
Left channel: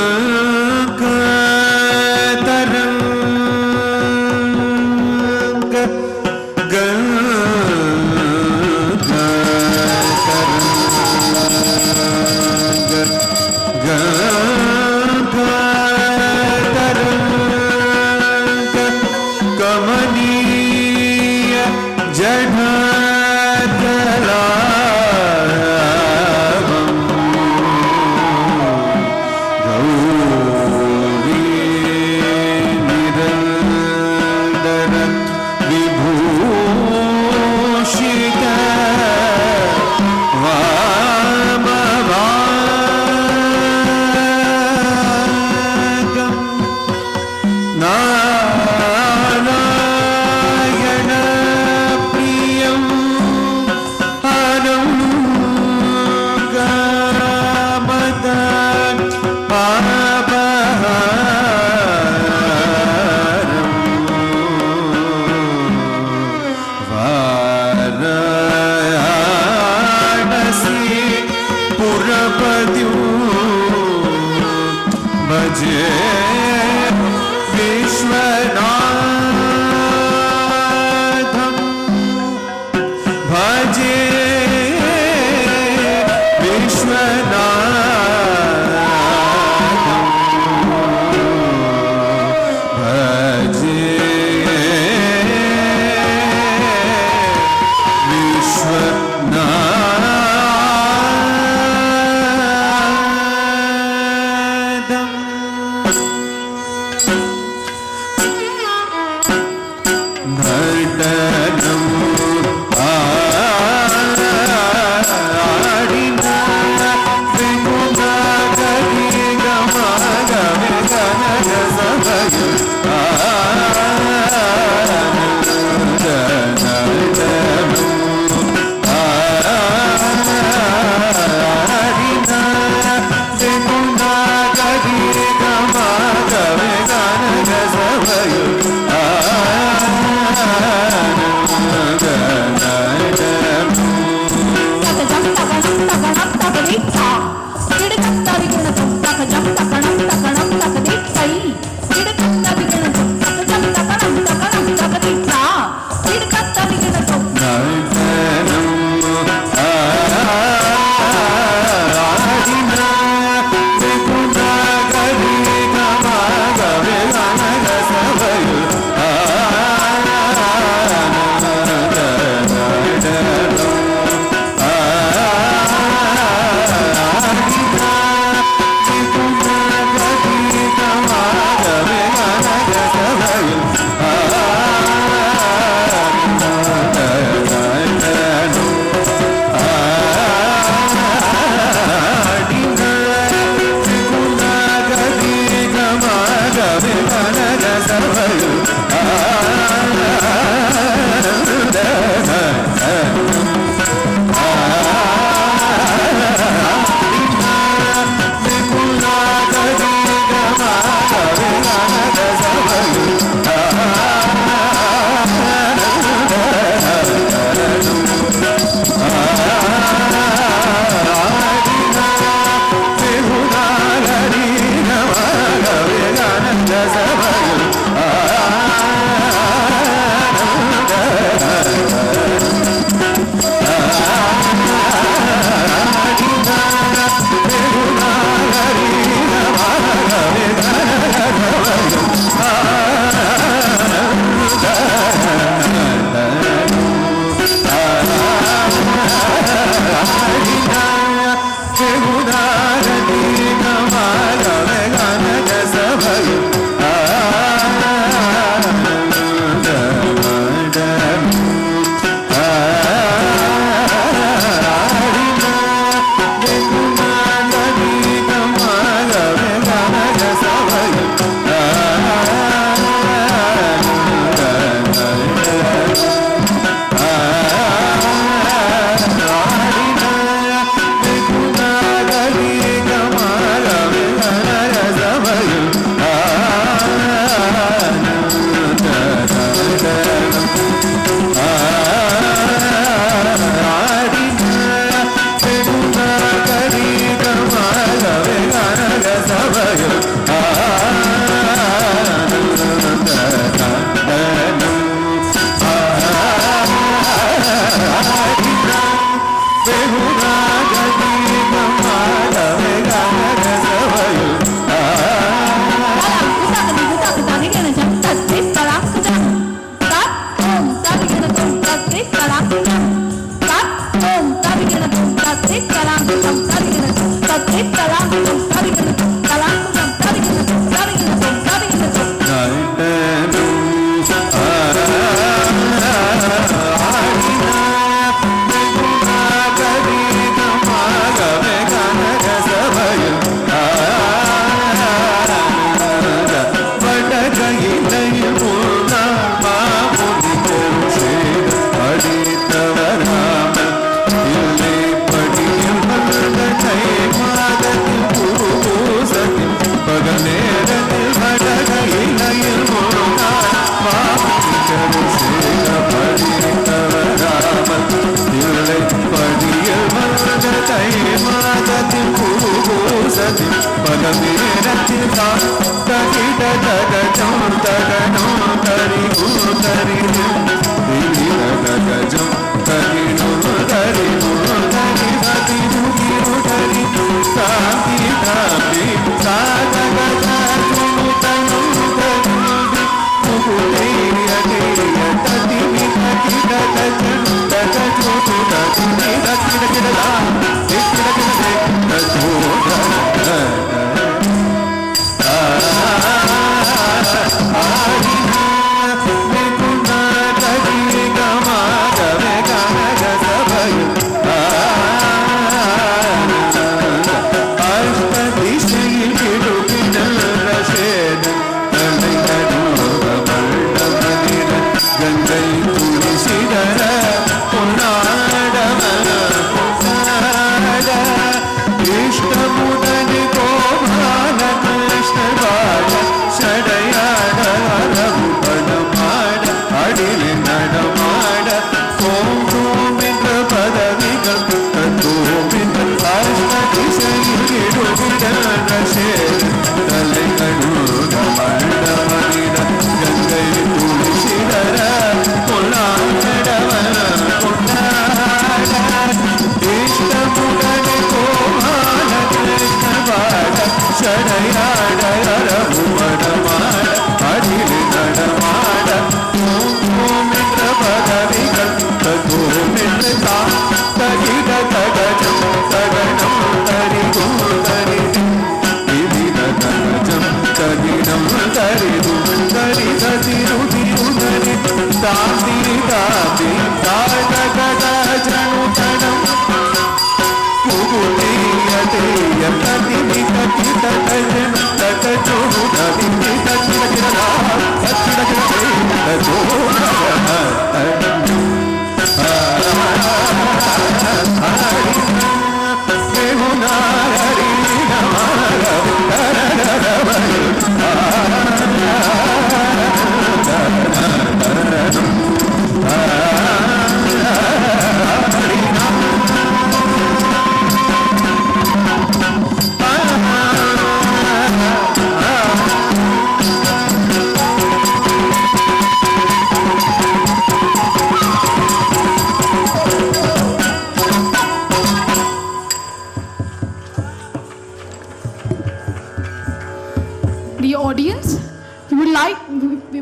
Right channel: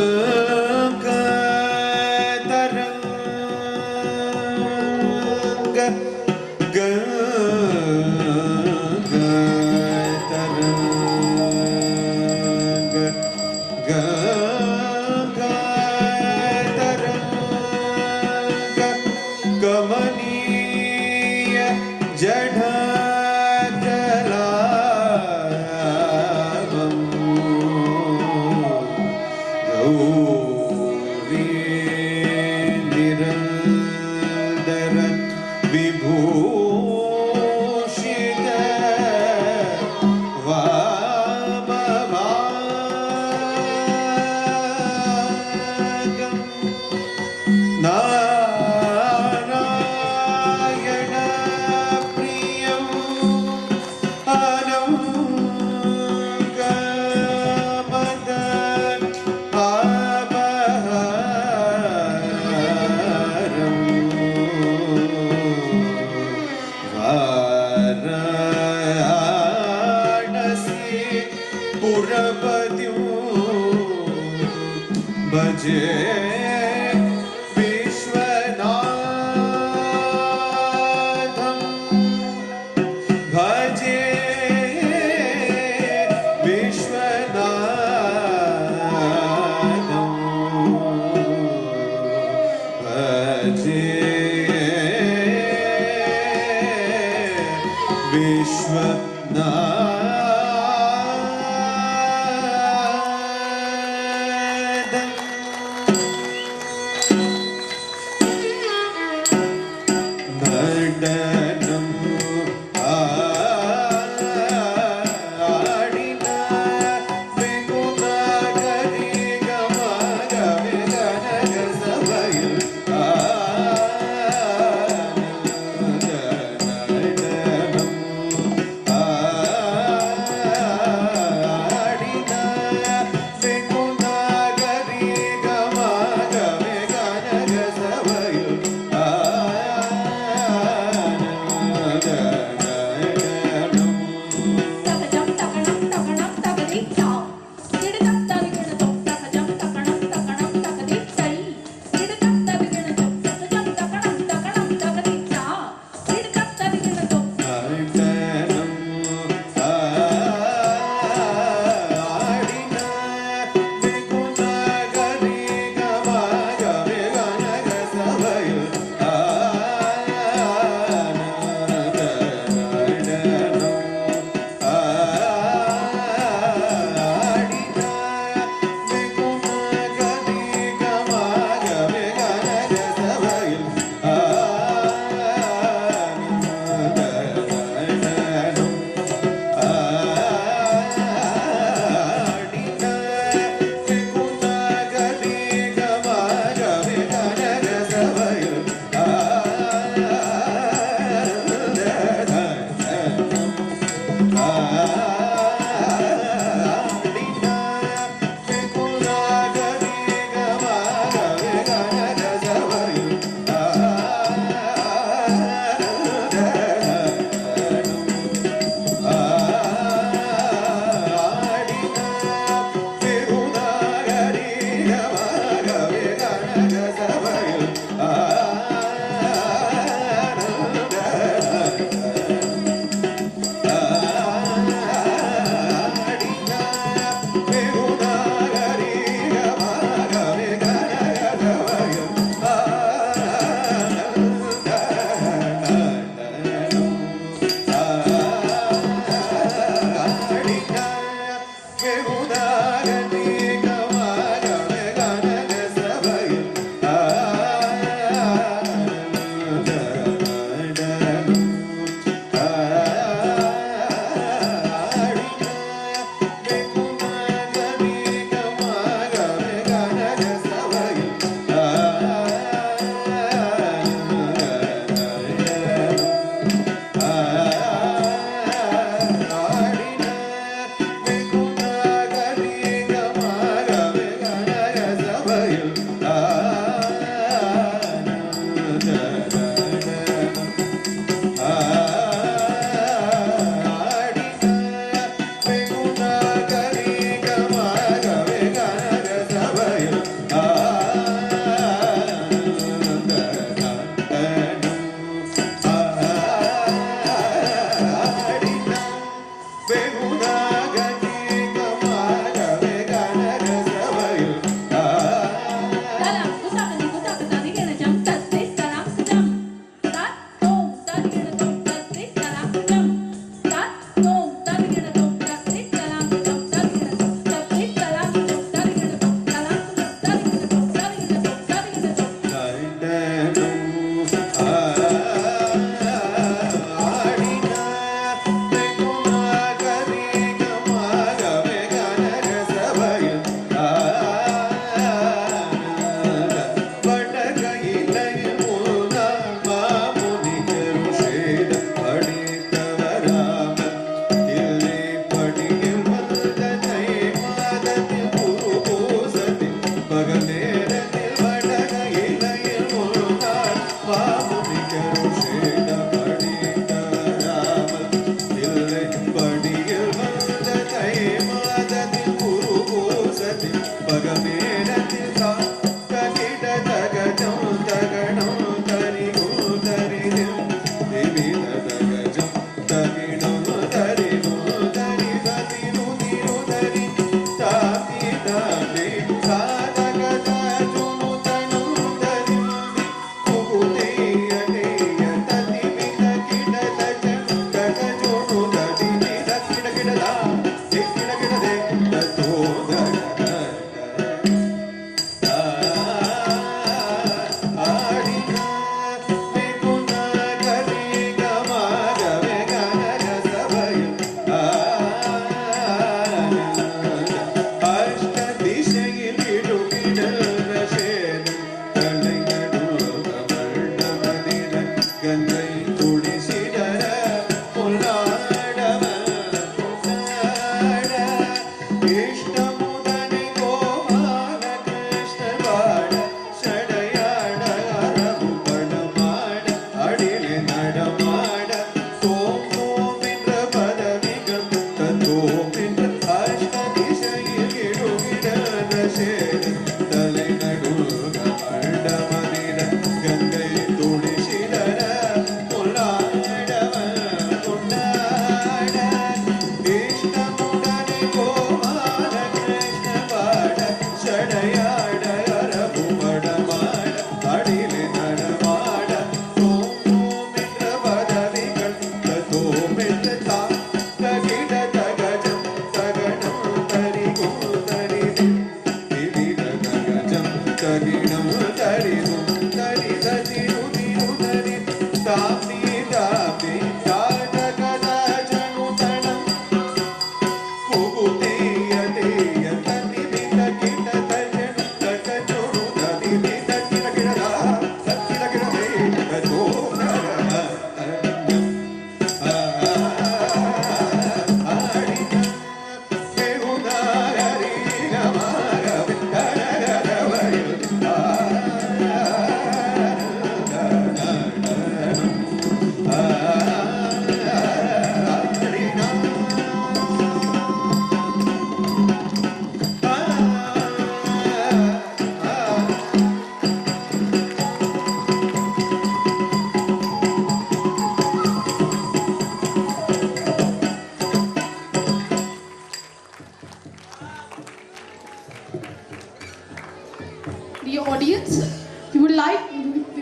Dear audience, we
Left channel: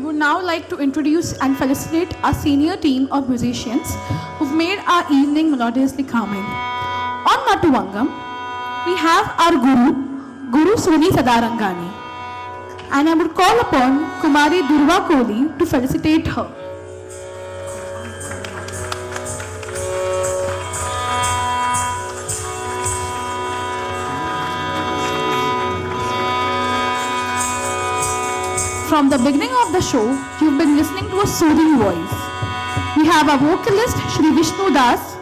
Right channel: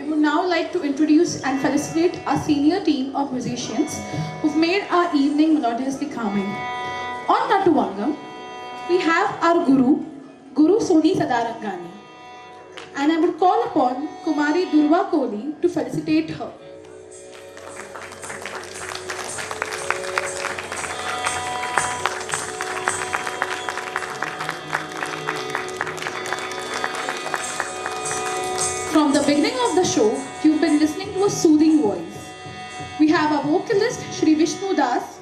would now like to introduce and felicitate our senior team of musicians who've made our evening melodiously calming. On Matuvangam, we have our Guru Soni Sadarangani, and I would call upon Kumari Durva Kohli to felicitate her. From the beginning of the show, you've been listening to a soothing voice. We have our vocalist Shri Vishnu Das,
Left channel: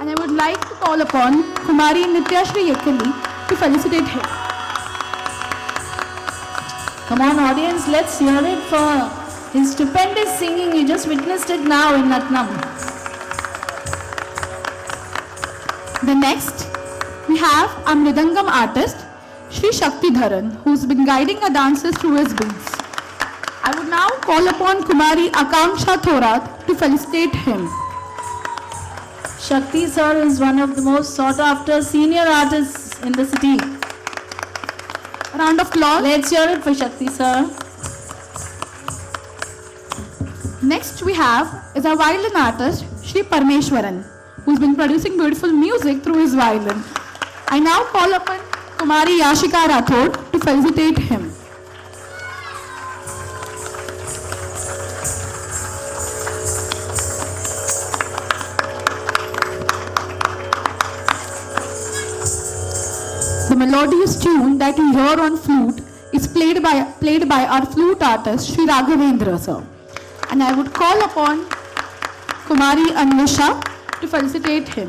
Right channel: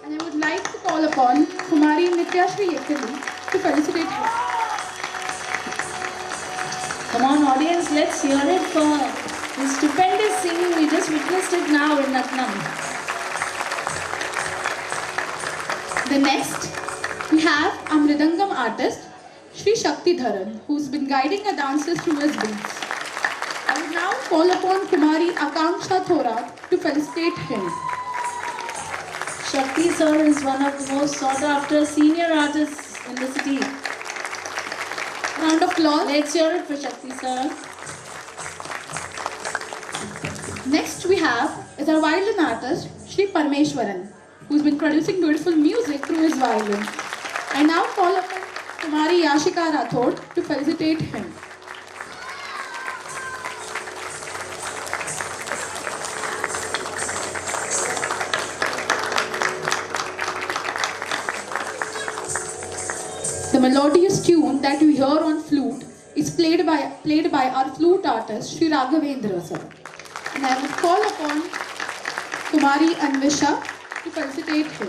and I would like to call upon Kumari Nityashri Yekali to felicitate her. Come on audience, let's hear it for his stupendous singing. We just witnessed it now in Natnam. The next, we have our Mridangam artist Shri Shakti Dharan, who's been guiding our dancers through his beats. I will now call upon Kumari Akanksha Thorat to felicitate him. Shakti sir is one of the most sought after senior artists in the city. Round of applause. Let's hear it for Shakti sir. Next we have is our violin artist Shri Parmeshwaran, who's been producing beautiful music through his violin. I now call upon Kumari Yashika Rathod to felicitate him. The melodious tune that you hear on flute is played by our flute artist Shri Raghavendra sir. And I would call upon Kumari Anvasha to felicitate him.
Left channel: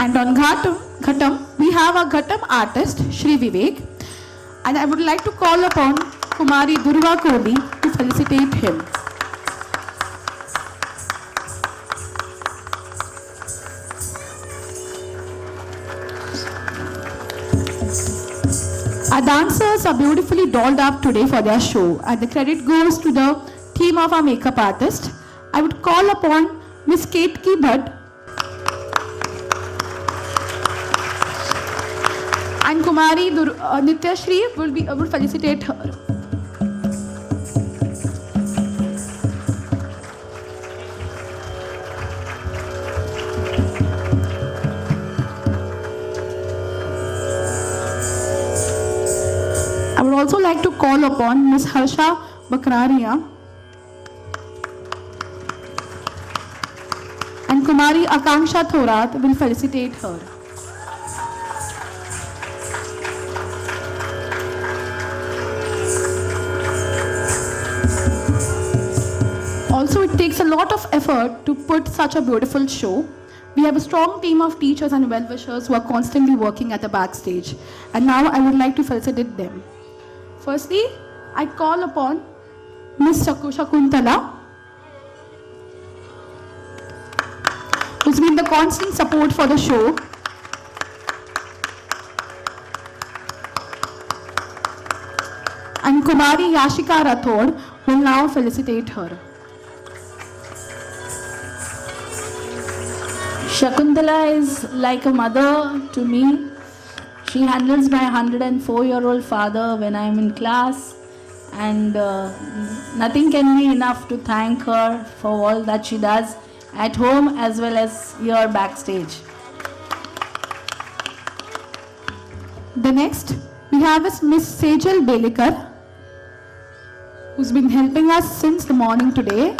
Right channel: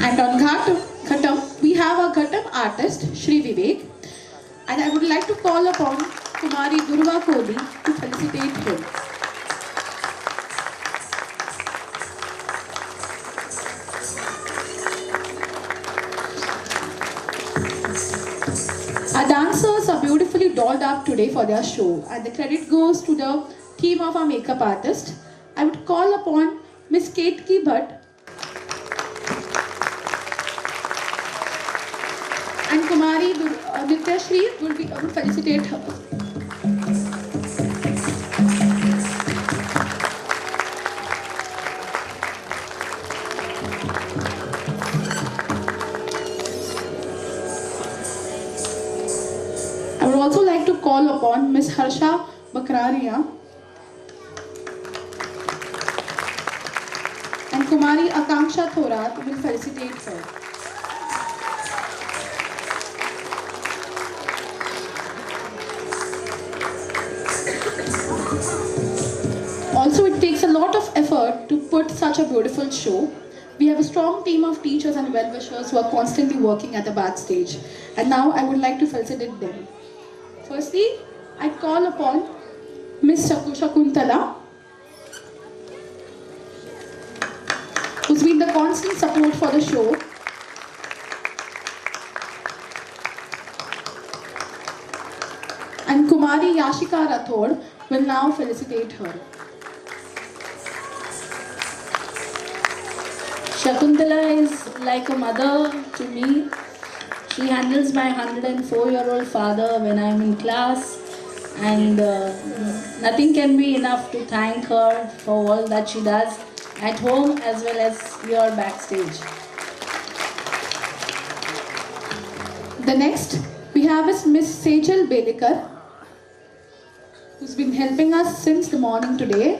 And on Ghatam, we have our Ghatam artist Shri Vivek, and I would like to call upon Kumari Durva Kohli to felicitate him. Our dancers are beautifully dolled up today for their show, and the credit goes to the team of our makeup artist. I would call upon Miss Ketki Bhatt and Kumari Nityashri will felicitate her. I would also like to call upon Miss Harsha Bakraria and Kumari Akanksha Thorat will felicitate her. Also, it takes a lot of effort to put such a beautiful show. We have a strong team of teachers and well-wishers who are constantly working at the backstage. And now I would like to felicitate them. Firstly, I call upon Miss Shakuntala, who's been the constant support for the show. And Kumari Yashika Rathod will now felicitate her. Shakuntala is like a mother to me. She handles my 104-year-old father when I'm in class, and nothing can be enough to thank her for all that she does at home as well as here backstage. The next we have is Miss Sejal Belikar, who's been helping us since the morning today.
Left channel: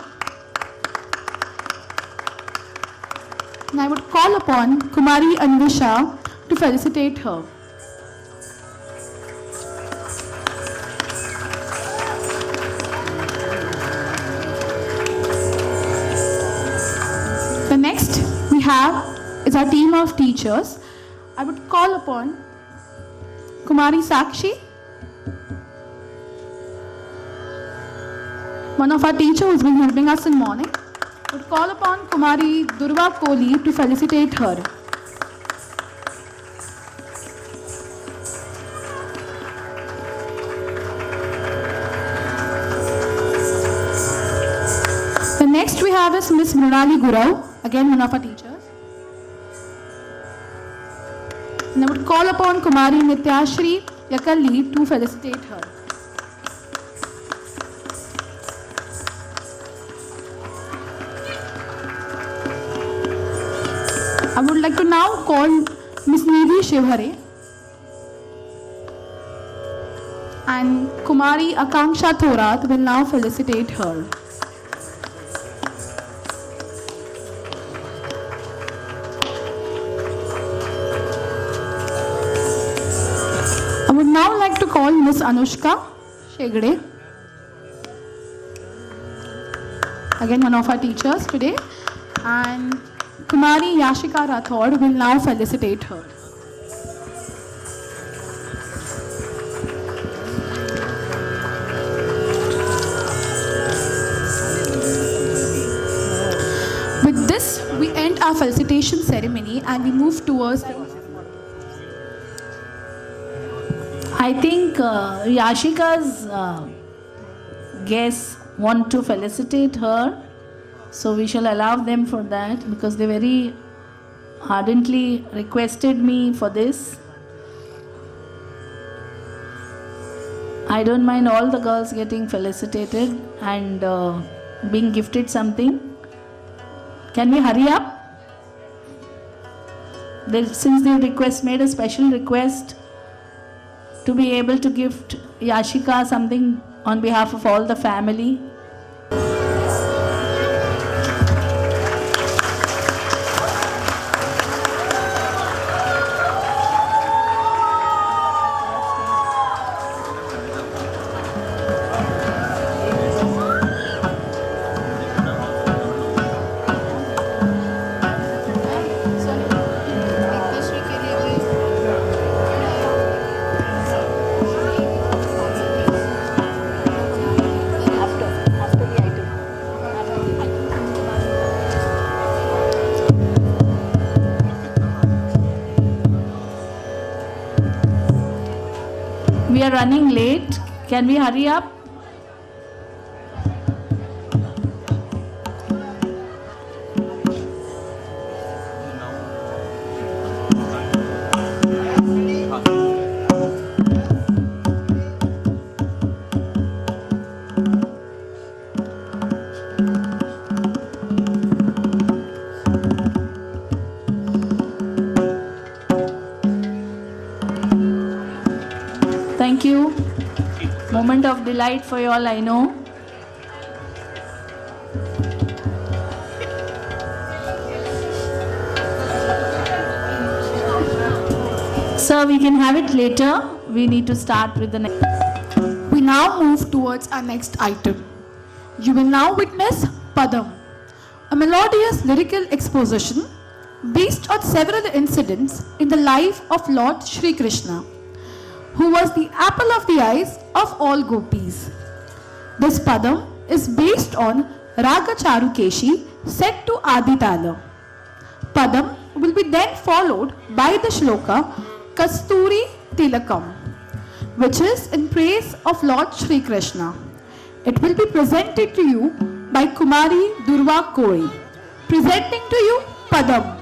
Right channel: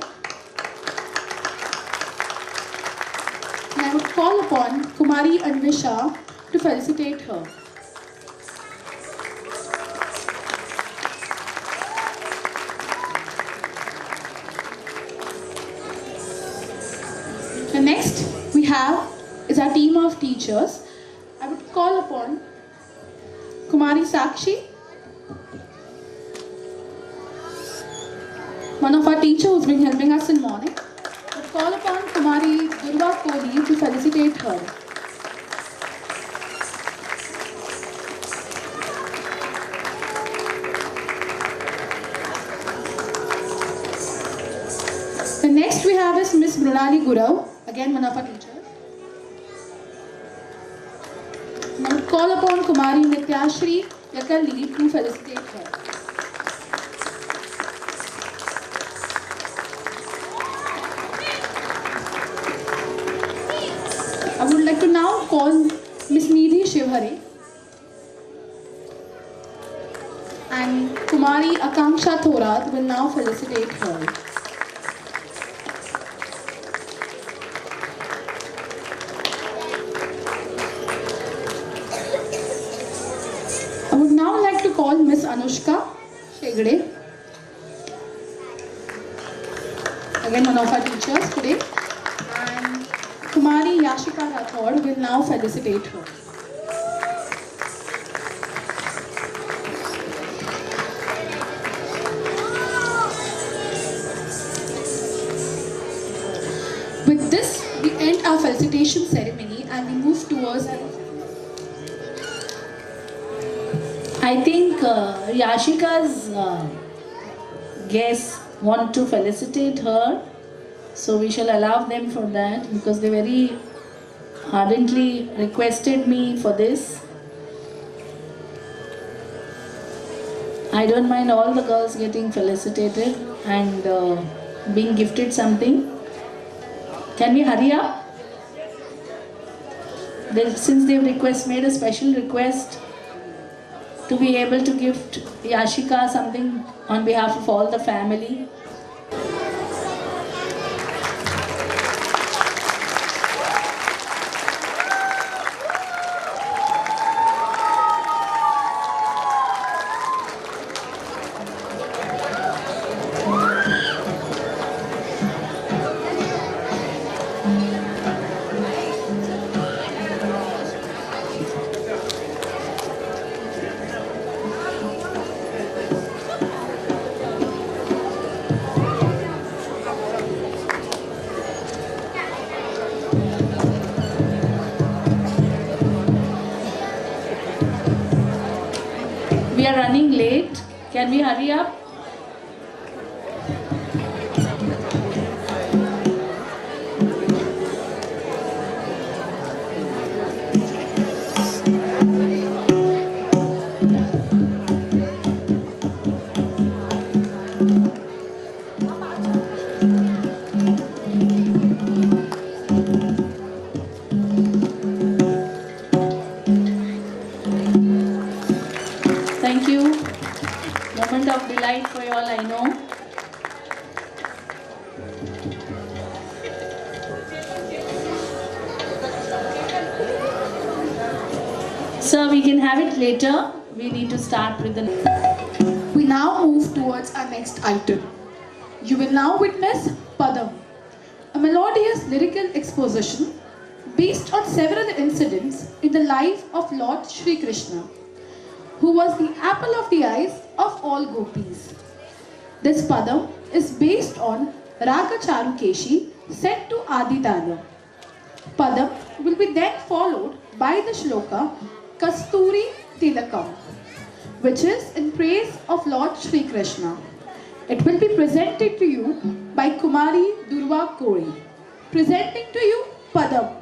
And I would call upon Kumari Anvisha to felicitate her. The next we have is our team of teachers. I would call upon Kumari Sakshi, one of our teachers who's been helping us in the morning. I would call upon Kumari Durva Kohli to felicitate her. The next we have is Miss Murali Gurau, again one of our teachers. And I would call upon Kumari Nityashri Yakalli to felicitate her. I would like to now call Miss Nidhi Shivhare and Kumari Akanksha Thorat will now felicitate her. I would now like to call Miss Anushka Shegde, again one of our teachers today, and Kumari Yashika Rathod will now felicitate her. With this, we end our felicitation ceremony and we move towards. I think Yashika's guests want to felicitate her, so we shall allow them for that because they very ardently requested me for this. I don't mind all the girls getting felicitated and being gifted something. Can we hurry up? Since they've made a special request to be able to gift Yashika something on behalf of all the family. are running late. Can we hurry up? Thank you. Moment of delight for you all, I know. Sir, we can have it later. We need to start with the next. We now move towards our next item. You will now witness Padam, a melodious lyrical exposition based on several incidents in the life of Lord Shri Krishna, who was the apple of the eyes of all gopis. This Padam is based on Raga Charukeshi set to Adi Tala. Padam will be then followed by the shloka Kasturi Tilakam, which is in praise of Lord Shri Krishna. It will be presented to you by Kumari Durva Kori. Presenting to you Padam.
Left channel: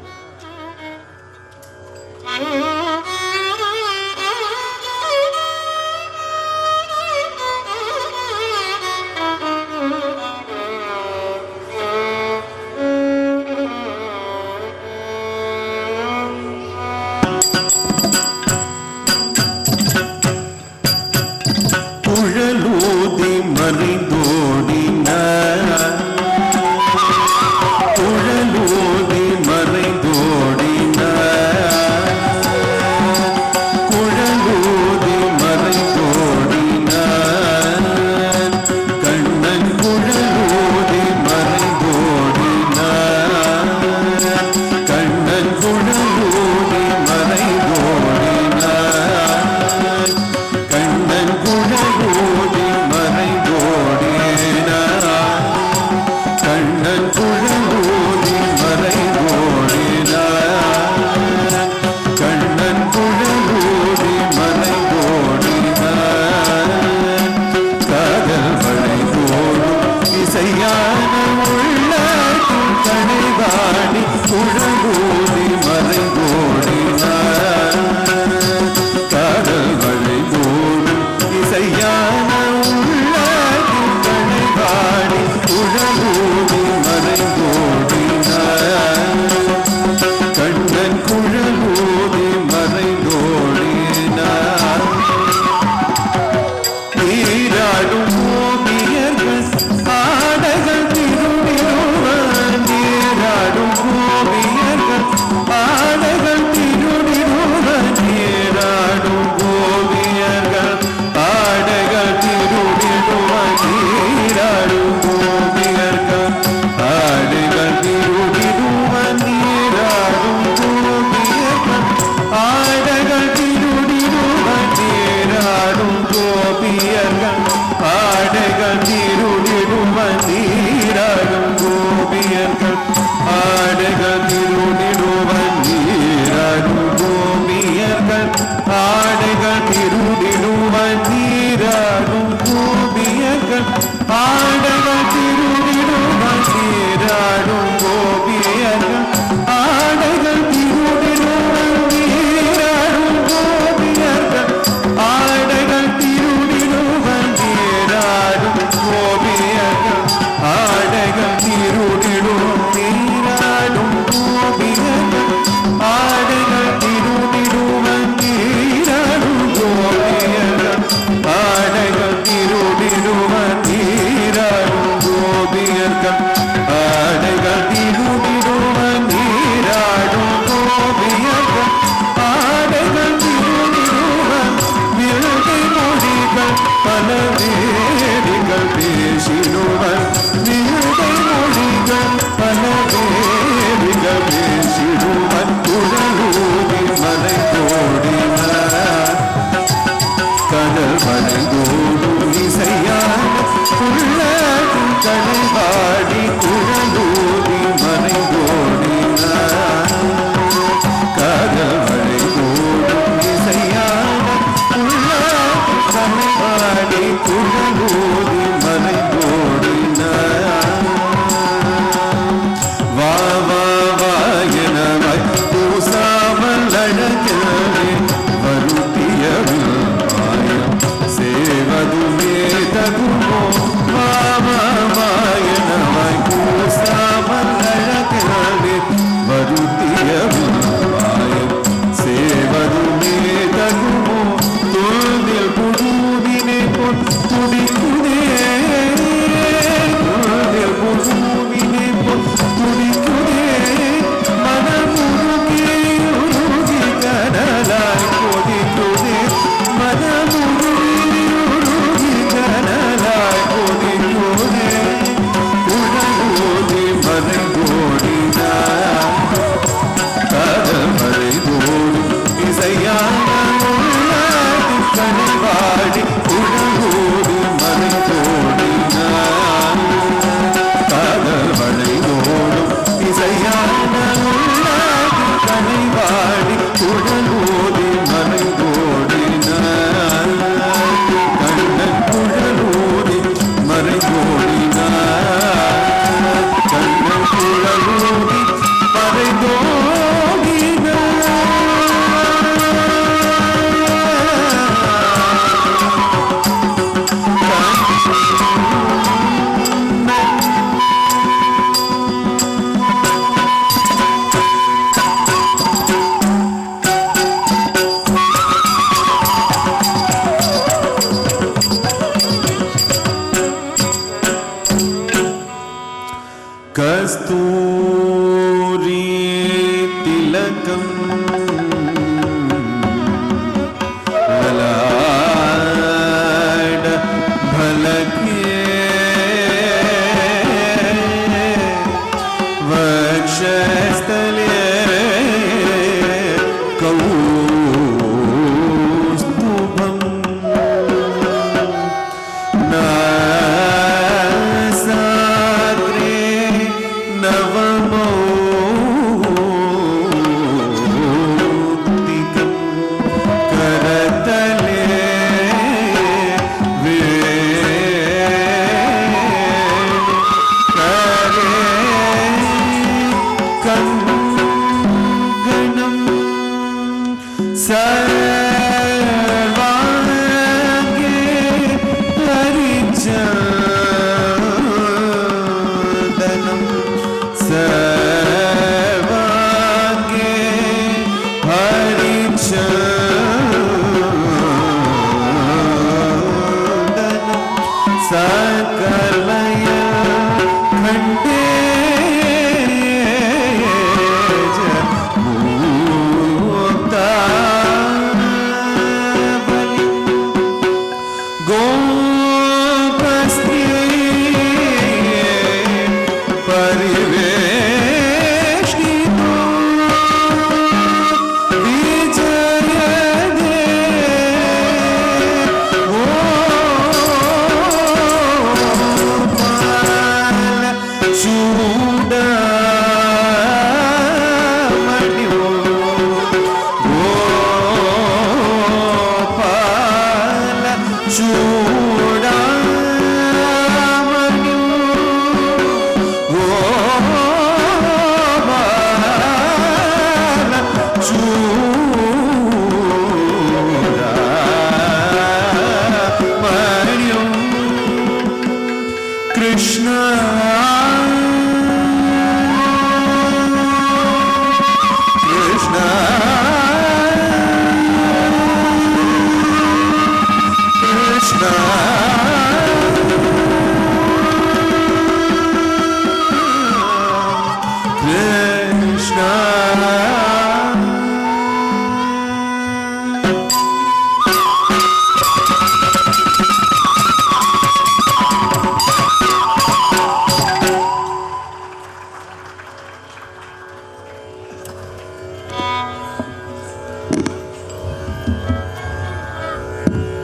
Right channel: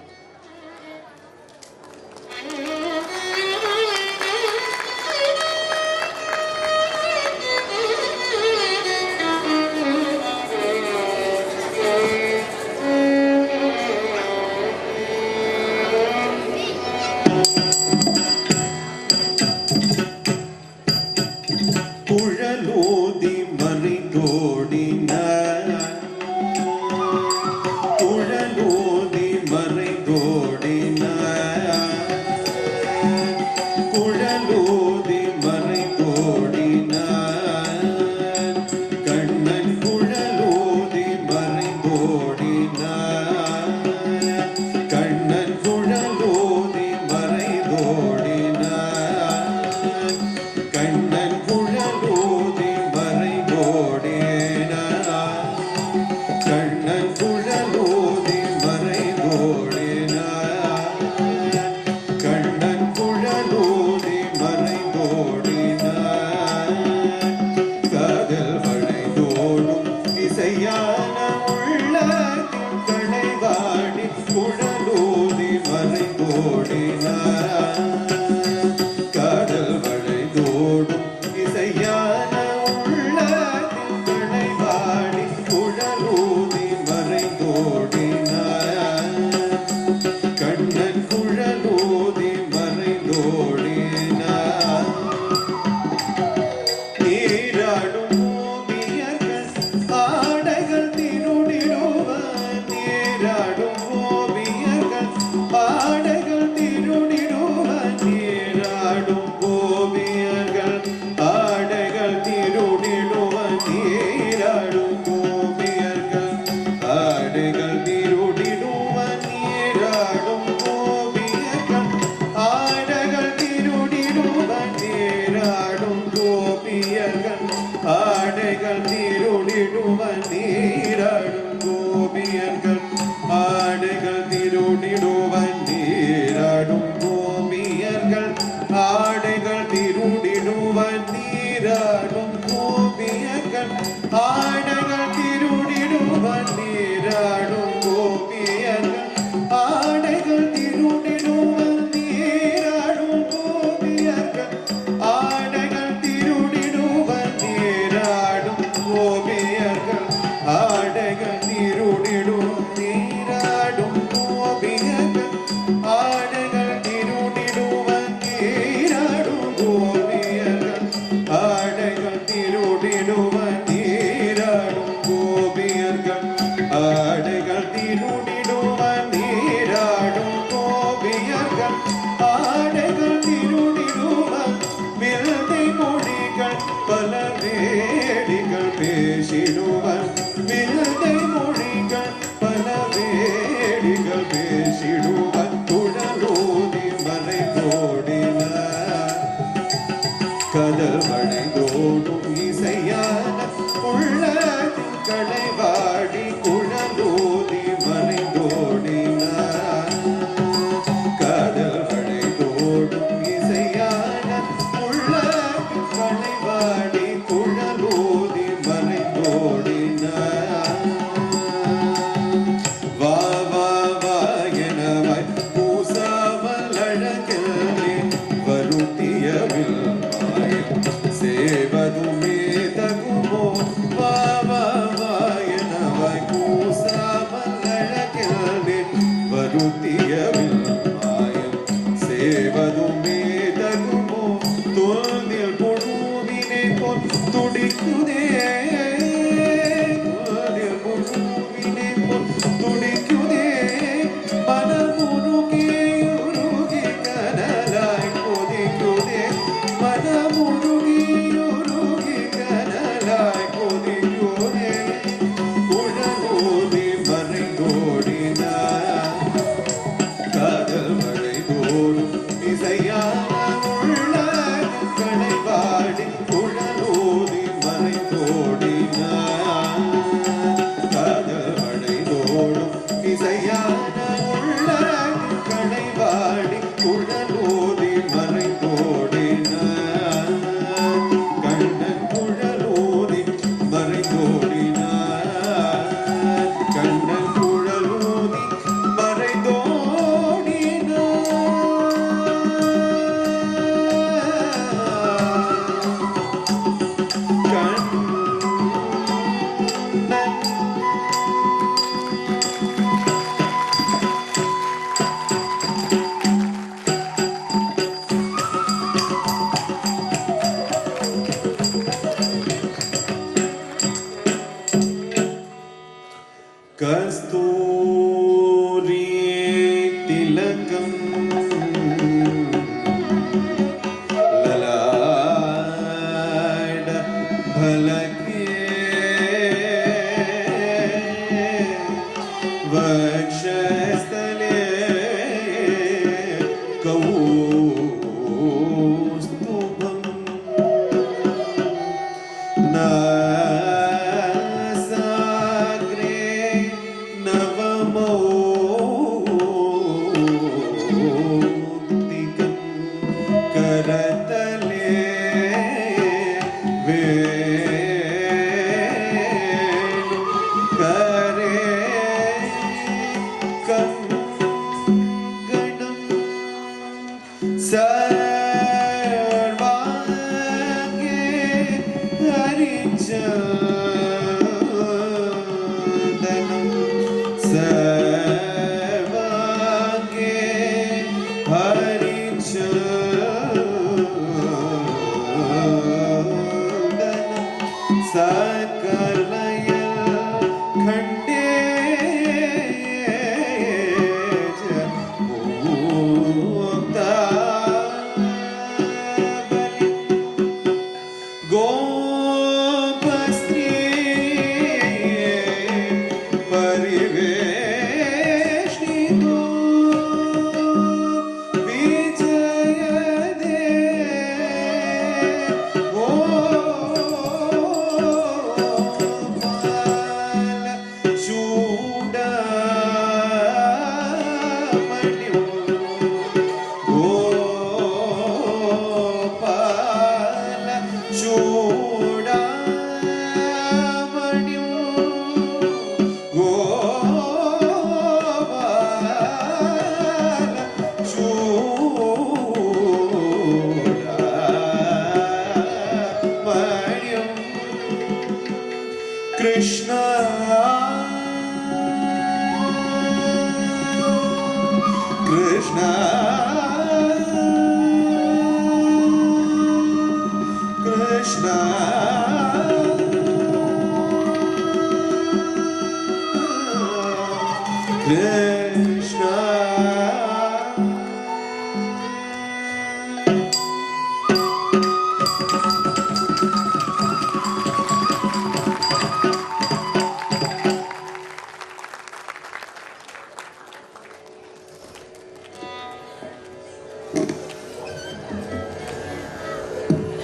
ஆடைகள் திருடிடுவன்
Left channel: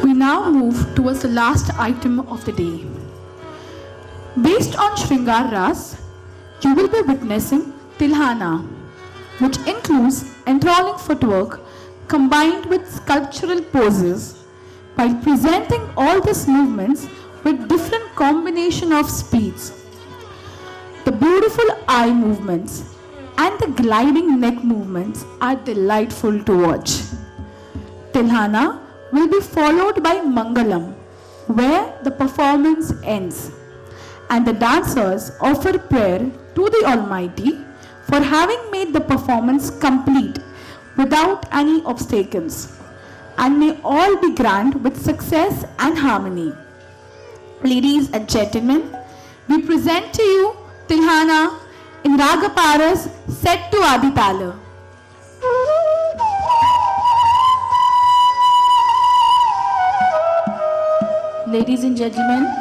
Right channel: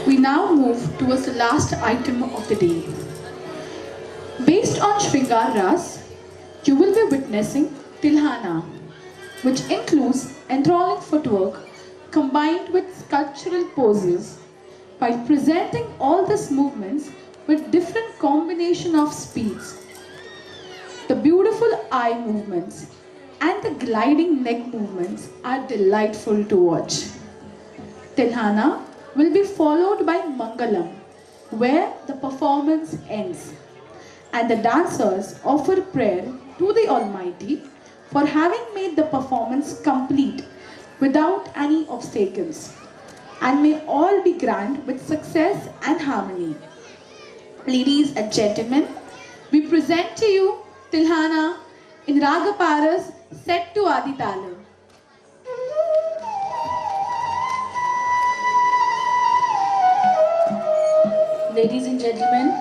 We now move towards the last item of the day. Based on Shringar Ras, you will be witnessing Tilhana, which includes enthralling footwork combined with sculptural poses, while presenting all these movements with different combination of speeds. The beautiful eye movements and the gliding neck movements are delightful to watch. Tilhana will be followed by Mangalam, where the performance ends, and the dancers offer prayer to the Almighty for having made the performance complete without any obstacles, and may all be grand with success and harmony. Ladies and gentlemen, we present to you Tilhana in Ragaparas set to Aditala. Ladies and gentlemen,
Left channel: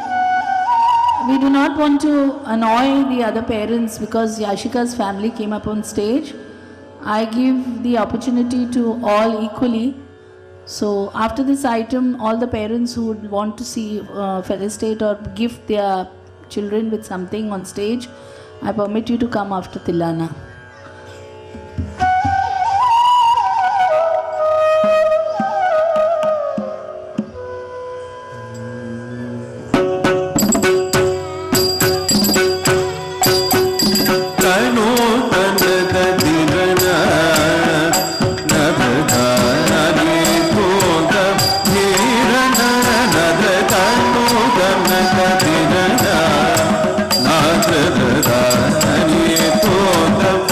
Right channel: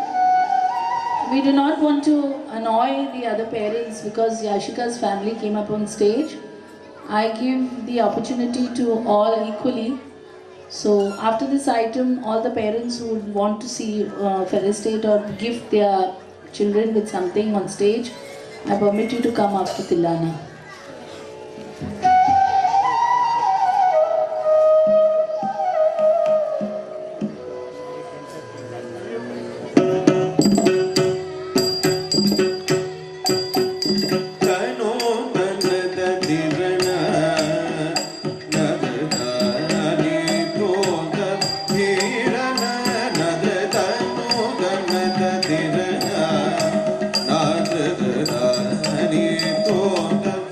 we do not want to annoy the other parents because Yashika's family came up on stage. I give the opportunity to all equally. So after this item, all the parents who would want to see felicitate or gift their children with something on stage, I permit you to come after Tilhana. Thank you.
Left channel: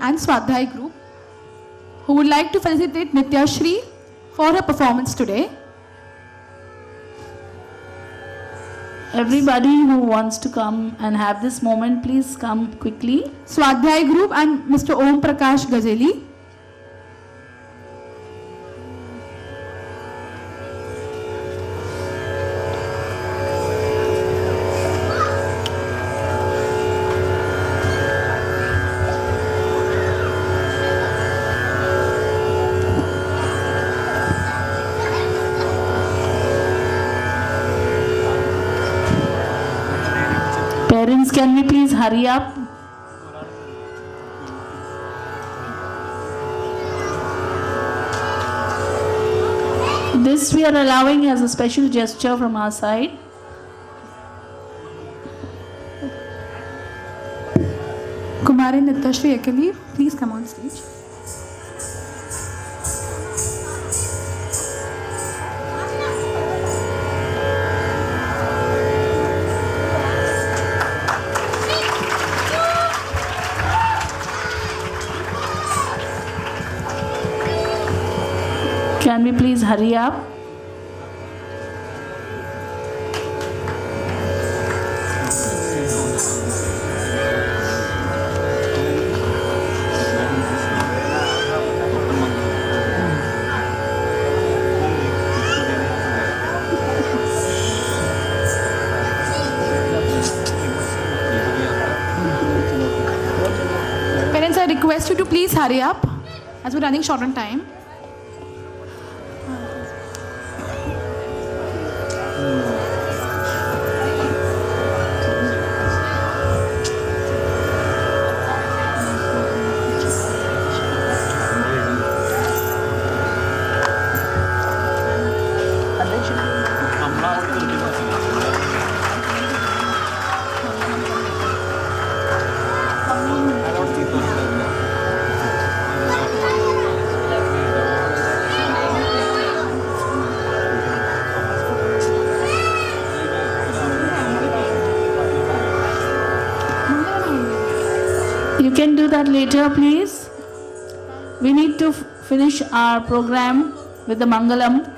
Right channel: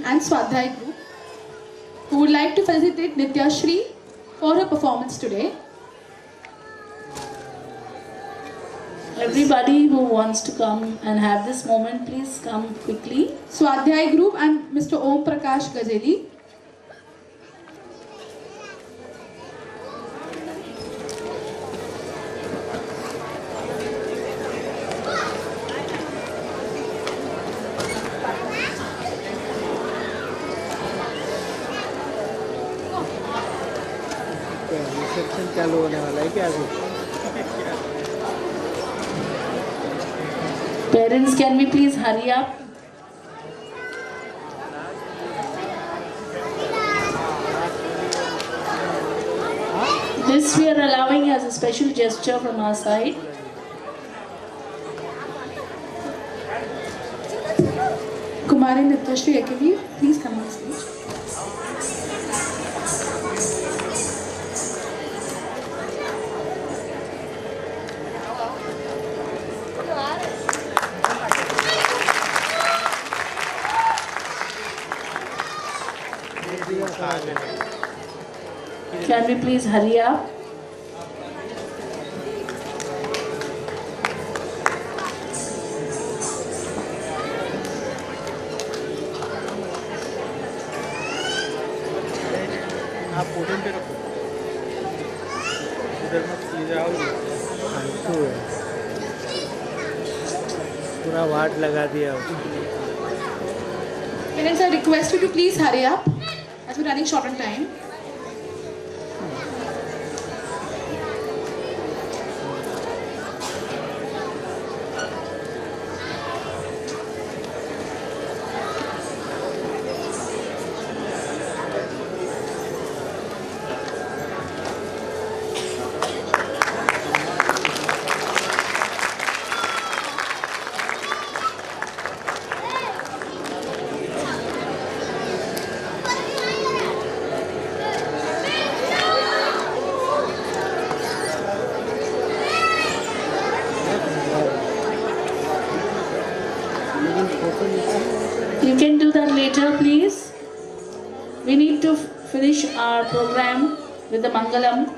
And Swadhyay group, who would like to felicitate Nitya Shri for her performance today. Everybody who wants to come and have this moment, please come quickly. Swadhyay group and Mr. Om Prakash Gajeli. Parents, can we please hurry up? This we are allowing as a special gesture from our side. Kumari Nitya Shri Ekavir, please come on stage. Can we please hurry up? Parents, I request you to please hurry up as we're running short on time. You can do that later, please. We need to finish our program with the Mangalam.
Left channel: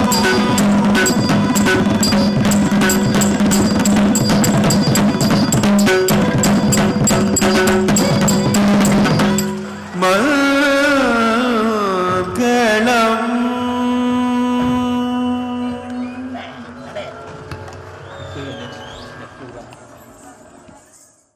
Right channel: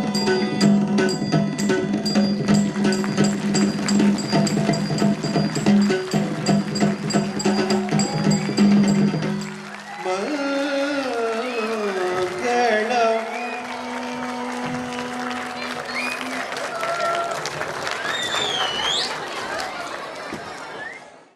Thank you.